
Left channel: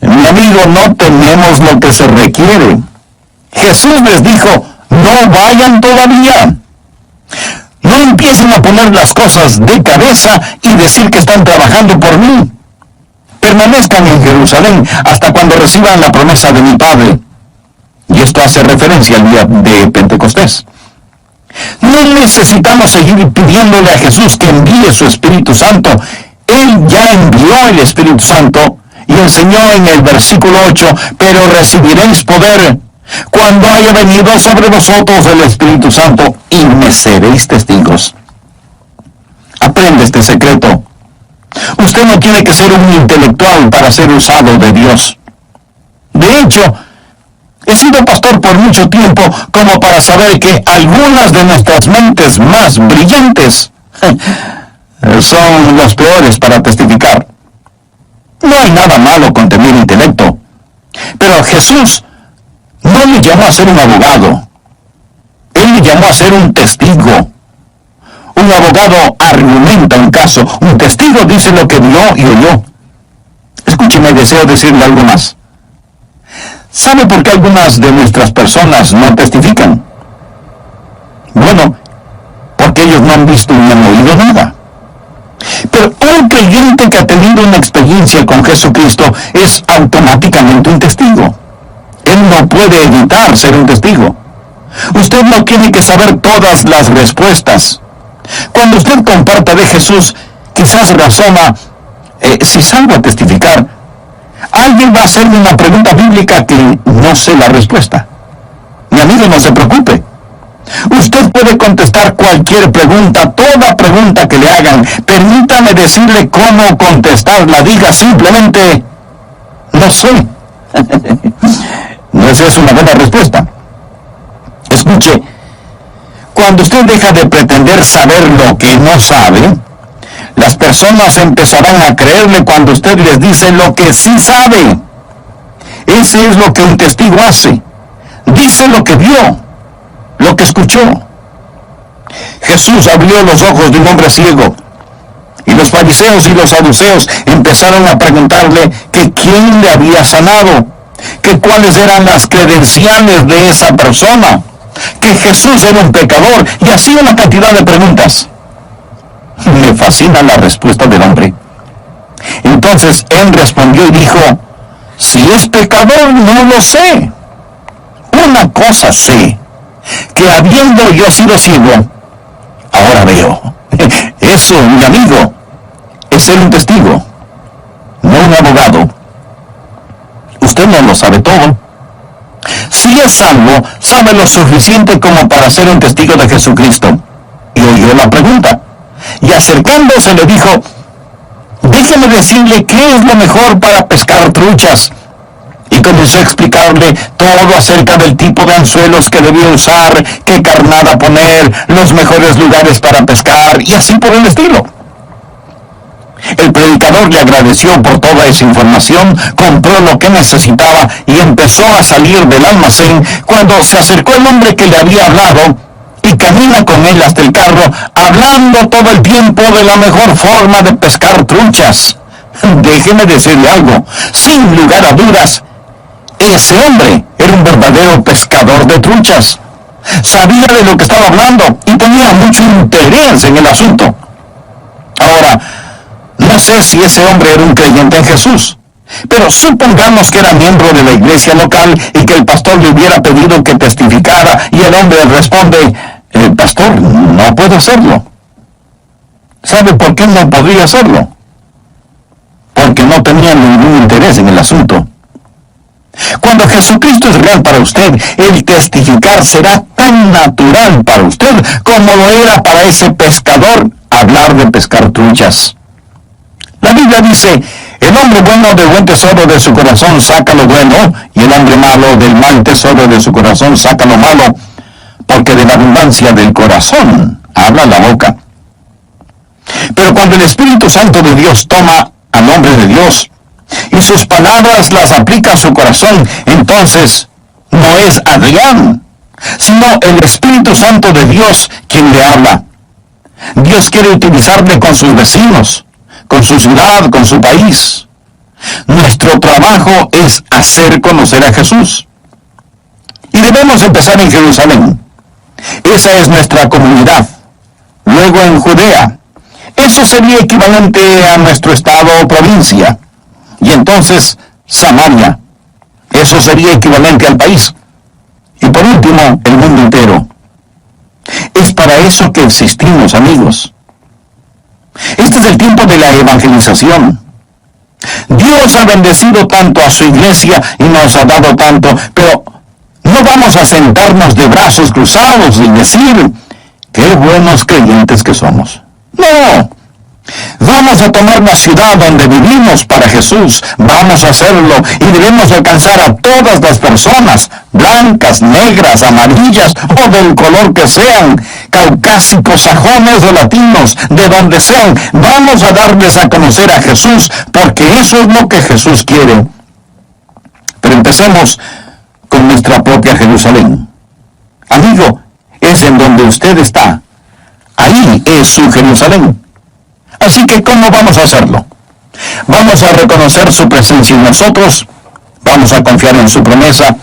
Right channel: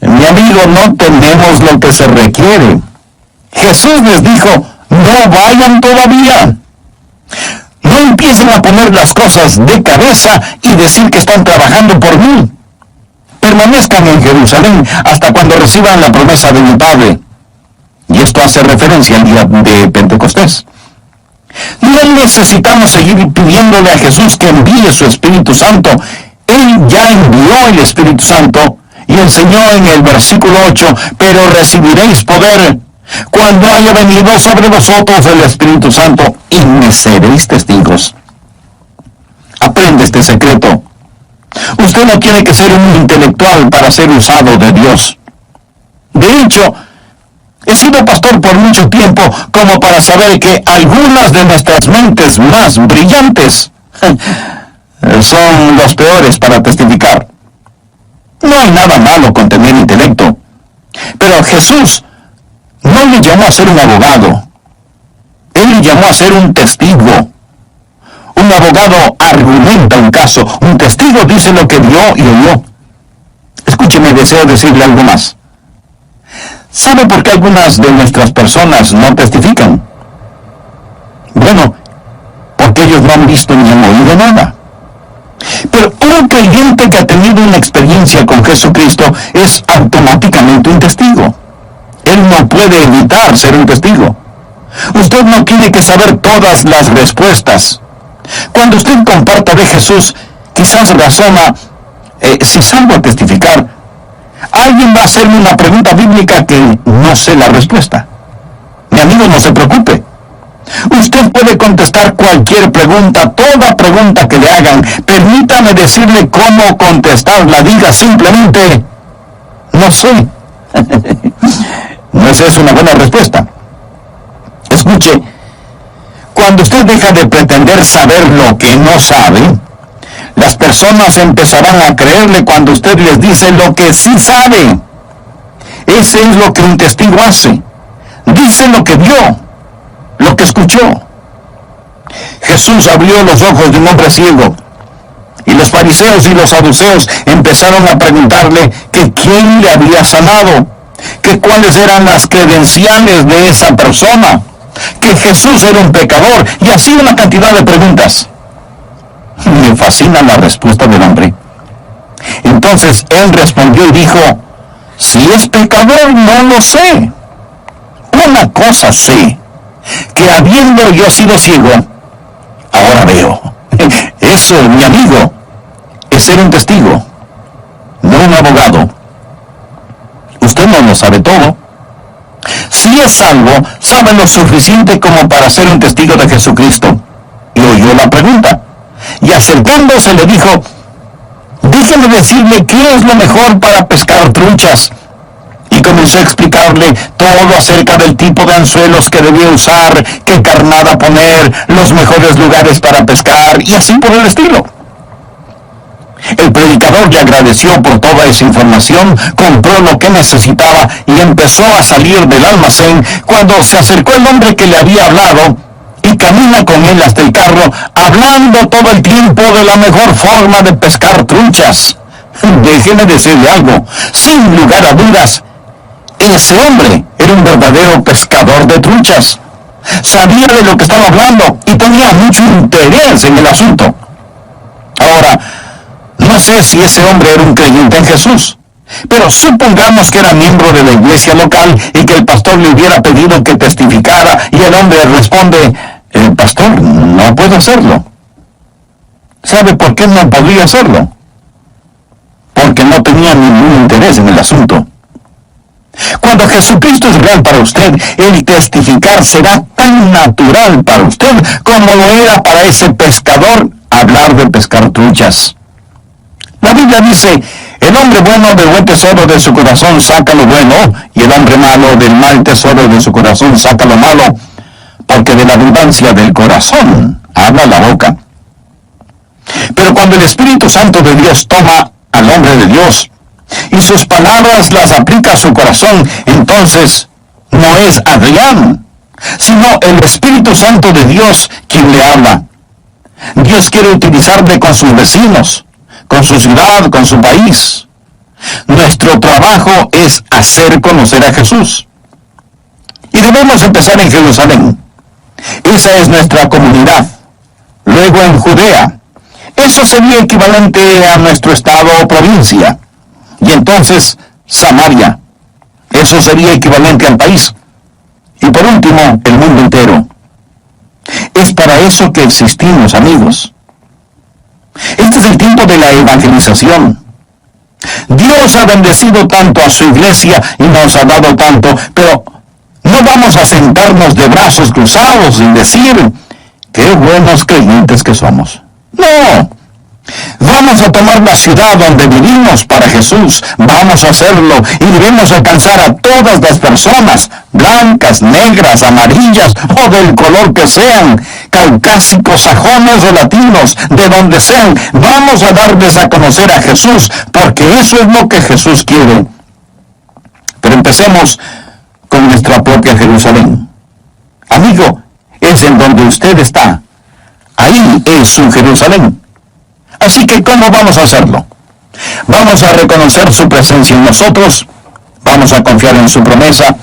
Mi amigo, no tenemos lo que se requiere. Jesús les dijo: no vayan todavía. No empiecen a poner las cosas de cabeza y decir que están trabajando por mí. Permanezcan en Jerusalén hasta cuando reciban la promesa de mi Padre. Y esto hace referencia al día de Pentecostés. No necesitamos seguir pidiéndole a Jesús que envíe su Espíritu Santo. Él ya envió el Espíritu Santo y enseñó en el versículo 8: pero recibiréis poder cuando haya venido sobre vosotros el Espíritu Santo, y me seréis testigos. Aprende este secreto. Usted no tiene que ser un intelectual para ser usado de Dios. De hecho, he sido pastor por mucho tiempo como para saber que algunas de nuestras mentes más brillantes son los peores para testificar. No hay nada malo con tener intelecto, pero Jesús no le llamó a ser un abogado. Él le llamó a ser un testigo. Un abogado argumenta un caso, un testigo dice lo que vio y oyó. Escúcheme, deseo decirle algo más. ¿Sabe por qué algunas de nuestras personas no testifican? Bueno, porque ellos no han visto ni han oído nada. Pero un creyente que ha tenido una experiencia con Jesucristo es automáticamente un testigo. Él no puede evitar ser un testigo. Usted no tiene que saber todas las respuestas. Cuando usted comparta de Jesús, quizás razona: si salgo a testificar, alguien va a hacerme una pregunta bíblica que no sé la respuesta. Mi amigo, no se preocupe. Usted puede contestar cualquier pregunta, toda pregunta que le hagan. Permítame decirle cómo contestarla. Diga simplemente: no sé. ¿No es eso una buena respuesta? Escuche, cuando usted deja de pretender saber lo que no sabe, las personas empezarán a creerle cuando usted les dice lo que sí sabe. Ese es lo que un testigo hace. Dice lo que vio, lo que escuchó. Jesús abrió los ojos de un hombre ciego, y los fariseos y los saduceos empezaron a preguntarle que quién le había sanado, que cuáles eran las credenciales de esa persona, que Jesús era un pecador, y así una cantidad de preguntas. Me fascina la respuesta del hombre. Entonces él respondió y dijo: si es pecador, no lo sé. Una cosa sé, que habiendo yo sido ciego, ahora veo. Eso, mi amigo, es ser un testigo, no un abogado. usted no lo sabe todo. Si es salvo, sabe lo suficiente como para ser un testigo de Jesucristo. Y oyó la pregunta. Y acercándose le dijo, déjeme decirle qué es lo mejor para pescar truchas. Y comenzó a explicarle todo acerca del tipo de anzuelos que debía usar, qué carnada poner, los mejores lugares para pescar, y así por el estilo. El predicador le agradeció por toda esa información, compró lo que necesitaba y empezó a salir del almacén cuando se acercó el hombre que le había hablado y camina con él hasta el carro, hablando todo el tiempo de la mejor forma de pescar truchas. Déjeme decirle algo, sin lugar a dudas, ese hombre era un verdadero pescador de truchas. Sabía de lo que estaba hablando y tenía mucho interés en el asunto. Ahora, no sé si ese hombre era un creyente en Jesús, pero supongamos que era miembro de la iglesia local y que el pastor le hubiera pedido que testificara y el hombre responde, pastor, no puedo hacerlo. ¿Sabe por qué no podría hacerlo? Porque no tenía ningún interés en el asunto. Cuando Jesucristo es real para usted, el testificar será tan natural para usted como lo era para ese pescador hablar de pescar truchas. La Biblia dice, el hombre bueno del buen tesoro de su corazón saca lo bueno, y el hombre malo del mal tesoro de su corazón saca lo malo, porque de la abundancia del corazón habla la boca. Pero cuando el Espíritu Santo de Dios toma al hombre de Dios, y sus palabras las aplica a su corazón, entonces no es Adrián, sino el Espíritu Santo de Dios quien le habla. Dios quiere utilizarle con sus vecinos, con su ciudad, con su país. Nuestro trabajo es hacer conocer a Jesús. Y debemos empezar en Jerusalén. Esa es nuestra comunidad. Luego en Judea. Eso sería equivalente a nuestro estado o provincia. Y entonces Samaria. Eso sería equivalente al país. Y por último, el mundo entero. Es para eso que existimos, amigos. Este es el tiempo de la evangelización. Dios ha bendecido tanto a su iglesia y nos ha dado tanto, pero no vamos a sentarnos de brazos cruzados y decir, qué buenos creyentes que somos. No. Vamos a tomar la ciudad donde vivimos para Jesús. Vamos a hacerlo y debemos alcanzar a todas las personas, blancas, negras, amarillas o del color que sean, caucásicos, sajones o latinos, de donde sean. Vamos a darles a conocer a Jesús, porque eso es lo que Jesús quiere. Pero empecemos con nuestra propia Jerusalén. Amigo, es en donde usted está. Ahí es su Jerusalén. Así que, ¿cómo vamos a hacerlo? Vamos a reconocer su presencia en nosotros, vamos a confiar en su promesa,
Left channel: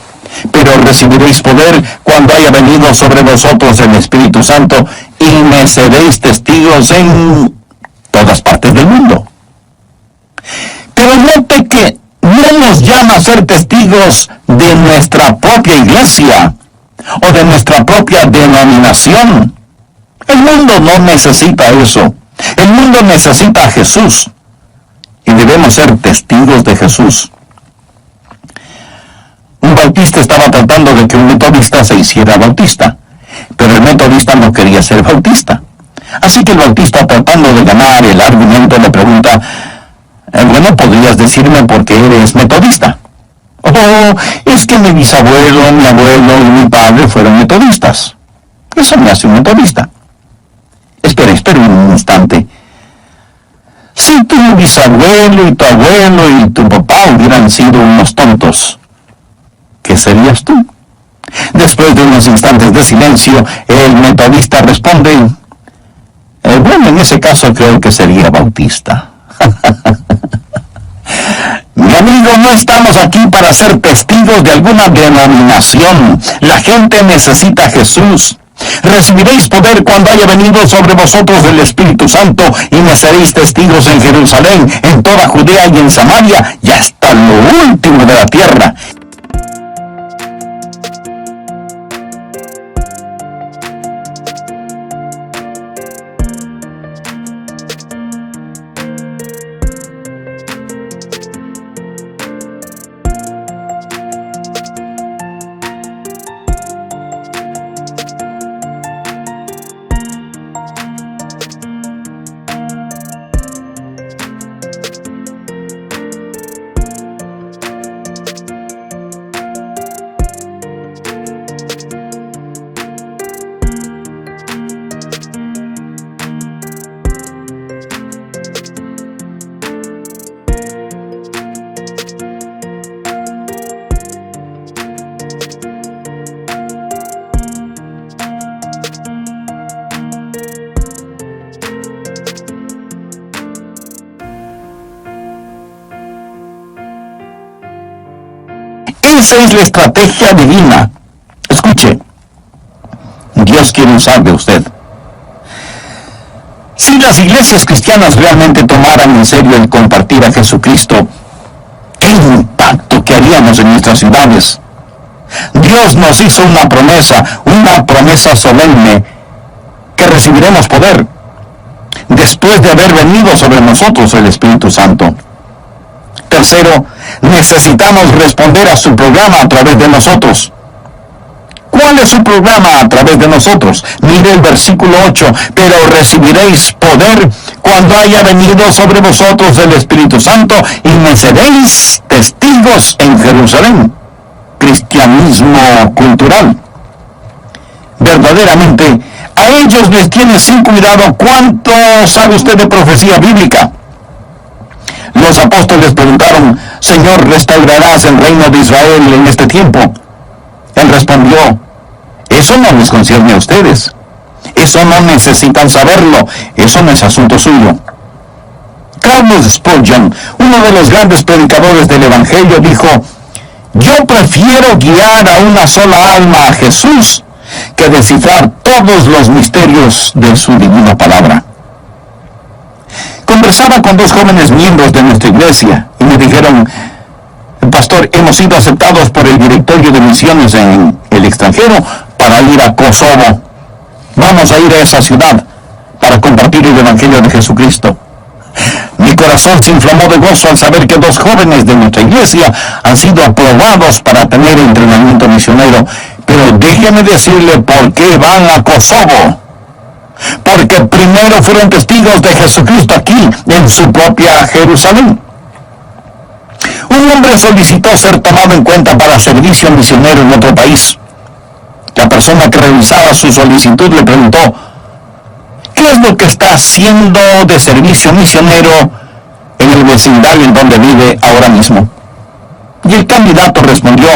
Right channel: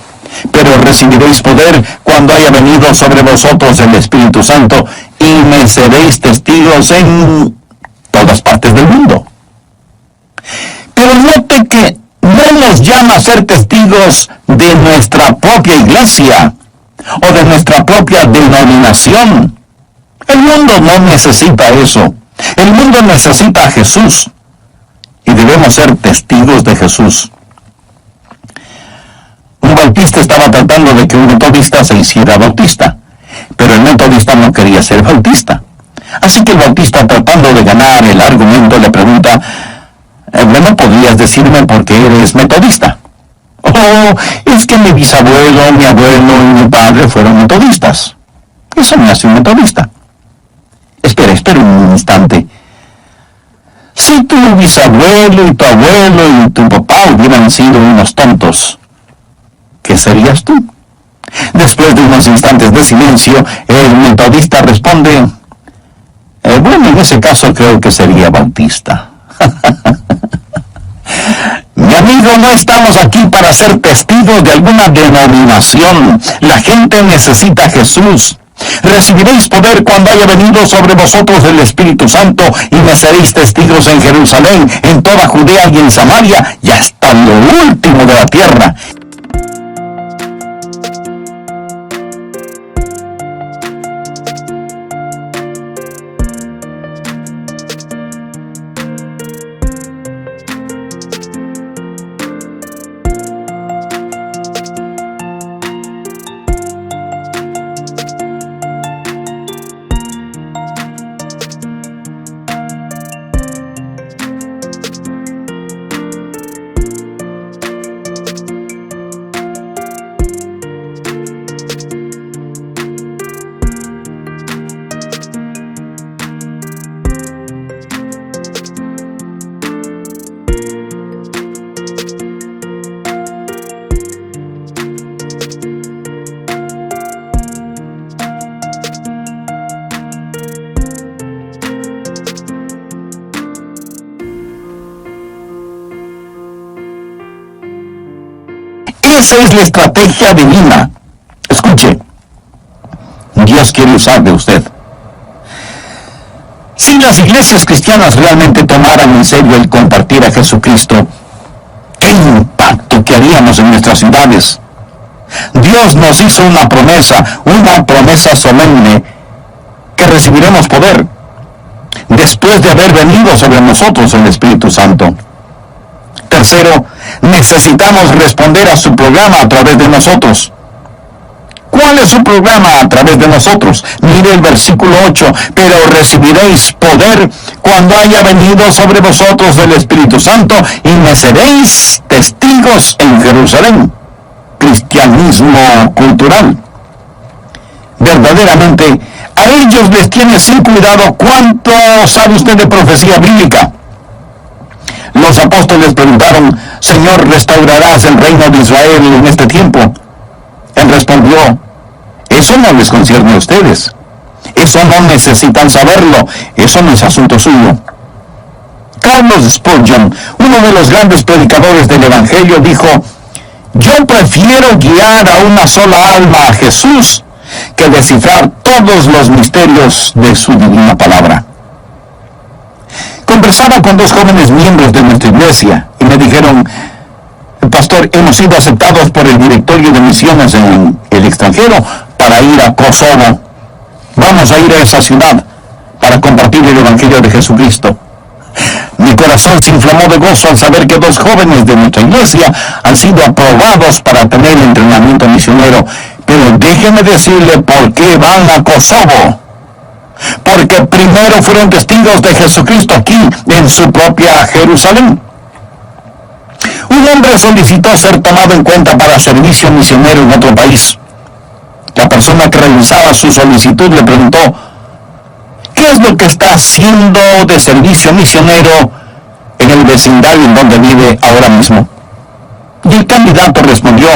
pero recibiréis poder cuando haya venido sobre vosotros el Espíritu Santo y me seréis testigos en todas partes del mundo. Pero note que no nos llama a ser testigos de nuestra propia iglesia o de nuestra propia denominación. El mundo no necesita eso. El mundo necesita a Jesús y debemos ser testigos de Jesús. Un bautista estaba tratando de que un metodista se hiciera bautista, pero el metodista no quería ser bautista. Así que el bautista, tratando de ganar el argumento, le pregunta, bueno, ¿podrías decirme por qué eres metodista? Oh, es que mi bisabuelo, mi abuelo y mi padre fueron metodistas. Eso me hace un metodista. Espera un instante. Si tu bisabuelo y tu abuelo y tu papá hubieran sido unos tontos, ¿qué serías tú? Después de unos instantes de silencio, el metodista responde, bueno, en ese caso creo que sería bautista. Mi amigo, no estamos aquí para ser testigos de alguna denominación. La gente necesita a Jesús. Recibiréis poder cuando haya venido sobre vosotros el Espíritu Santo y me seréis testigos en Jerusalén, en toda Judea y en Samaria y hasta lo último de la tierra. Esa es la estrategia divina. Escuche, Dios quiere usar de usted. Si las iglesias cristianas realmente tomaran en serio el compartir a Jesucristo, ¿qué impacto que haríamos en nuestras ciudades? Dios nos hizo una promesa solemne, que recibiremos poder después de haber venido sobre nosotros el Espíritu Santo. Tercero, necesitamos responder a su programa a través de nosotros. ¿Cuál es su programa a través de nosotros? Mire el versículo 8, pero recibiréis poder cuando haya venido sobre vosotros el Espíritu Santo y me seréis testigos en Jerusalén. Cristianismo cultural. Verdaderamente, a ellos les tiene sin cuidado cuánto sabe usted de profecía bíblica. Los apóstoles preguntaron, Señor, ¿restaurarás el reino de Israel en este tiempo? Él respondió, eso no les concierne a ustedes. Eso no necesitan saberlo. Eso no es asunto suyo. Carlos Spurgeon, uno de los grandes predicadores del Evangelio, dijo, yo prefiero guiar a una sola alma a Jesús que descifrar todos los misterios de su divina palabra. Conversaba con dos jóvenes miembros de nuestra iglesia y me dijeron, pastor, hemos sido aceptados por el directorio de misiones en el extranjero para ir a Kosovo. Vamos a ir a esa ciudad para compartir el Evangelio de Jesucristo. Mi corazón se inflamó de gozo al saber que dos jóvenes de nuestra iglesia han sido aprobados para tener entrenamiento misionero. Pero déjeme decirle por qué van a Kosovo. Porque primero fueron testigos de Jesucristo aquí, en su propia Jerusalén. Un hombre solicitó ser tomado en cuenta para servicio misionero en otro país. La persona que revisaba su solicitud le preguntó, ¿qué es lo que está haciendo de servicio misionero en el vecindario en donde vive ahora mismo? Y el candidato respondió,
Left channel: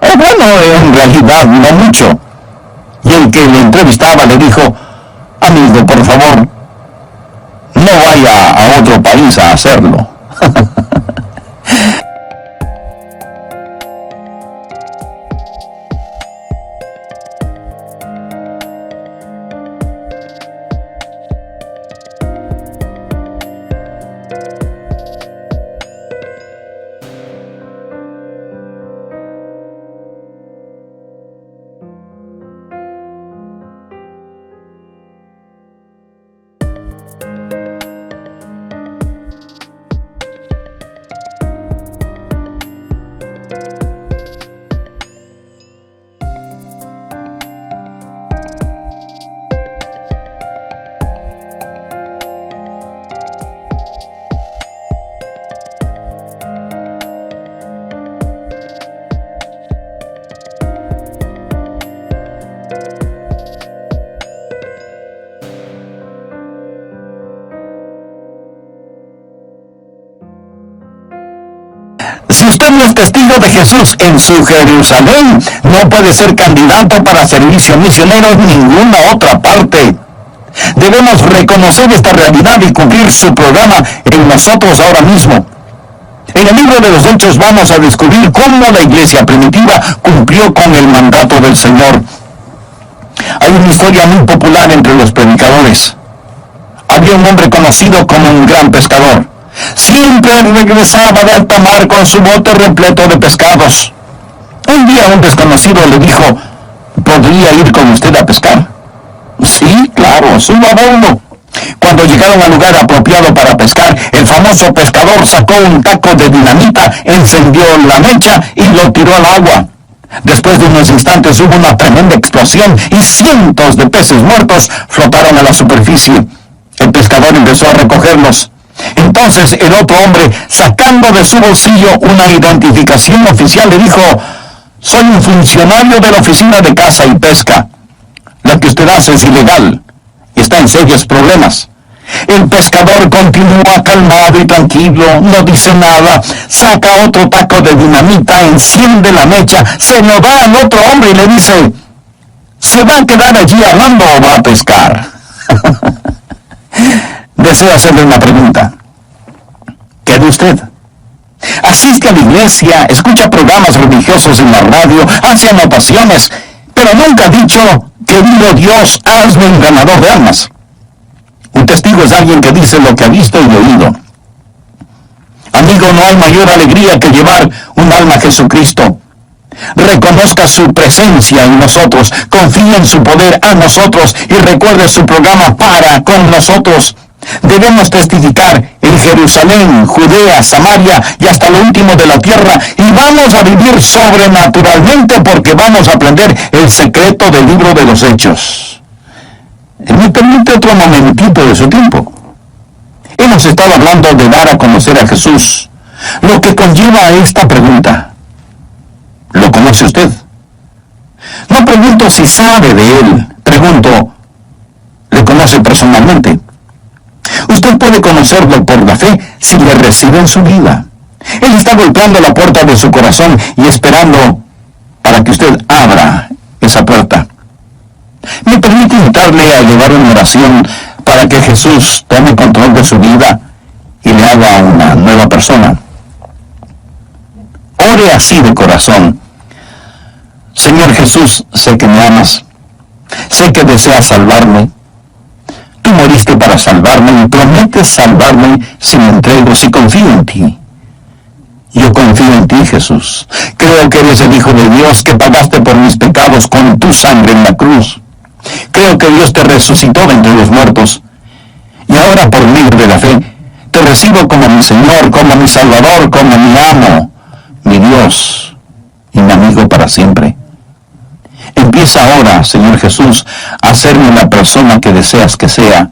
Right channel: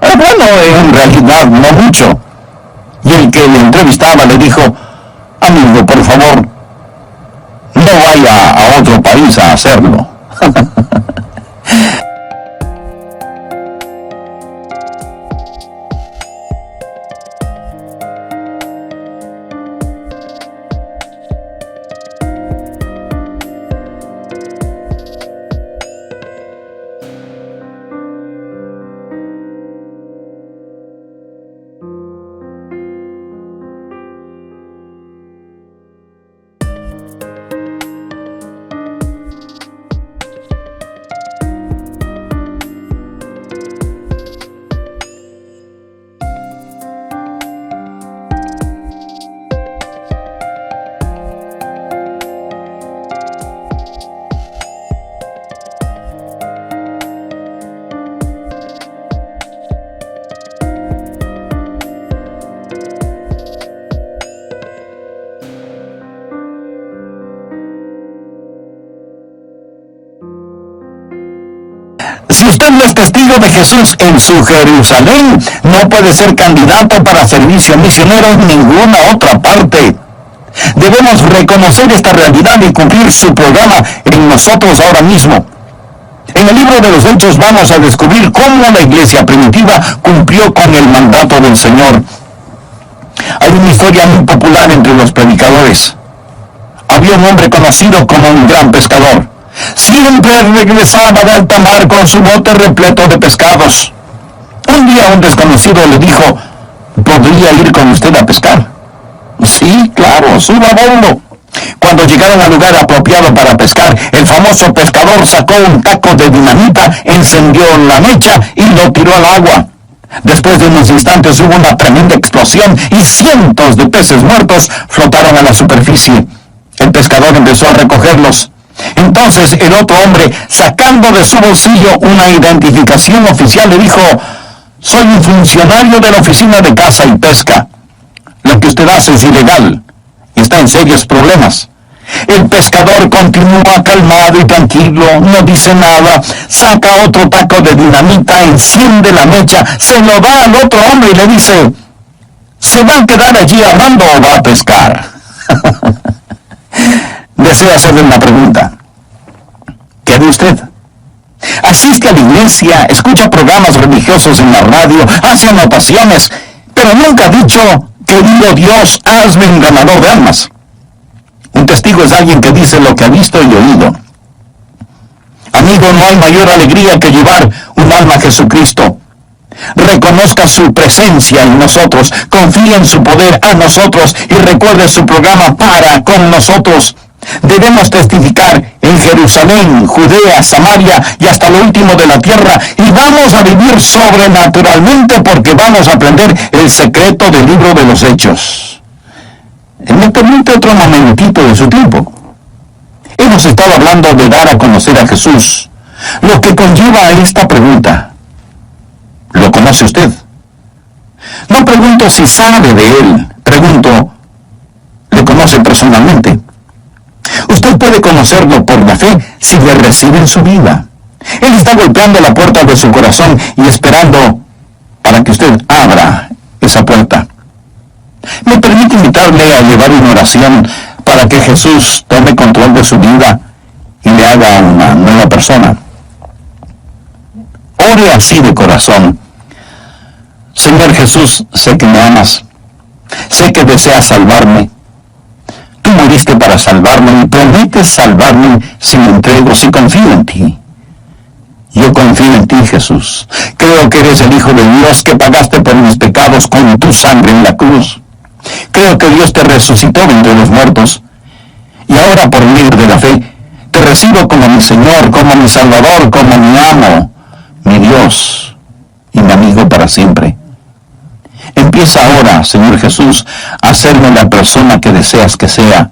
bueno, en realidad no mucho. Y el que le entrevistaba le dijo, amigo, por favor, no vaya a otro país a hacerlo. Si usted no es testigo de Jesús en su Jerusalén, no puede ser candidato para servicio misionero en ninguna otra parte. Debemos reconocer esta realidad y cumplir su programa en nosotros ahora mismo. En el libro de los Hechos vamos a descubrir cómo la iglesia primitiva cumplió con el mandato del Señor. Hay una historia muy popular entre los predicadores. Había un hombre conocido como un gran pescador. Siempre regresaba de alta mar con su bote repleto de pescados. Un día un desconocido le dijo, ¿podría ir con usted a pescar? Sí, claro, suba a bordo. Cuando llegaron al lugar apropiado para pescar, el famoso pescador sacó un taco de dinamita, encendió la mecha y lo tiró al agua. Después de unos instantes hubo una tremenda explosión y cientos de peces muertos flotaron a la superficie. El pescador empezó a recogerlos. Entonces el otro hombre, sacando de su bolsillo una identificación oficial, le dijo, soy un funcionario de la Oficina de Caza y Pesca. Lo que usted hace es ilegal y está en serios problemas. El pescador continúa calmado y tranquilo, no dice nada, saca otro taco de dinamita, enciende la mecha, se lo da al otro hombre y le dice, ¿se va a quedar allí hablando o va a pescar? Deseo hacerle una pregunta. ¿Qué de usted? Asiste a la iglesia, escucha programas religiosos en la radio, hace anotaciones, pero nunca ha dicho, querido Dios, hazme un ganador de almas. Un testigo es alguien que dice lo que ha visto y oído. Amigo, no hay mayor alegría que llevar un alma a Jesucristo. Reconozca su presencia en nosotros, confíe en su poder a nosotros y recuerde su programa para con nosotros. Debemos testificar en Jerusalén, Judea, Samaria y hasta lo último de la tierra, y vamos a vivir sobrenaturalmente porque vamos a aprender el secreto del libro de los Hechos. Me permite otro momentito de su tiempo. Hemos estado hablando de dar a conocer a Jesús, lo que conlleva a esta pregunta. ¿Lo conoce usted? No pregunto si sabe de él, pregunto, ¿le conoce personalmente? Usted puede conocerlo por la fe si le recibe en su vida. Él está golpeando la puerta de su corazón y esperando para que usted abra esa puerta. Me permite invitarle a llevar una oración para que Jesús tome control de su vida y le haga una nueva persona. Ore así de corazón. Señor Jesús, sé que me amas, sé que deseas salvarme. Tú moriste para salvarme y prometes salvarme si me entrego, si confío en ti. Yo confío en ti, Jesús. Creo que eres el Hijo de Dios, que pagaste por mis pecados con tu sangre en la cruz. Creo que Dios te resucitó de entre los muertos. Y ahora, por medio de la fe, te recibo como mi Señor, como mi Salvador, como mi amo, mi Dios y mi amigo para siempre. Empieza ahora, Señor Jesús, a hacerme la persona que deseas que sea,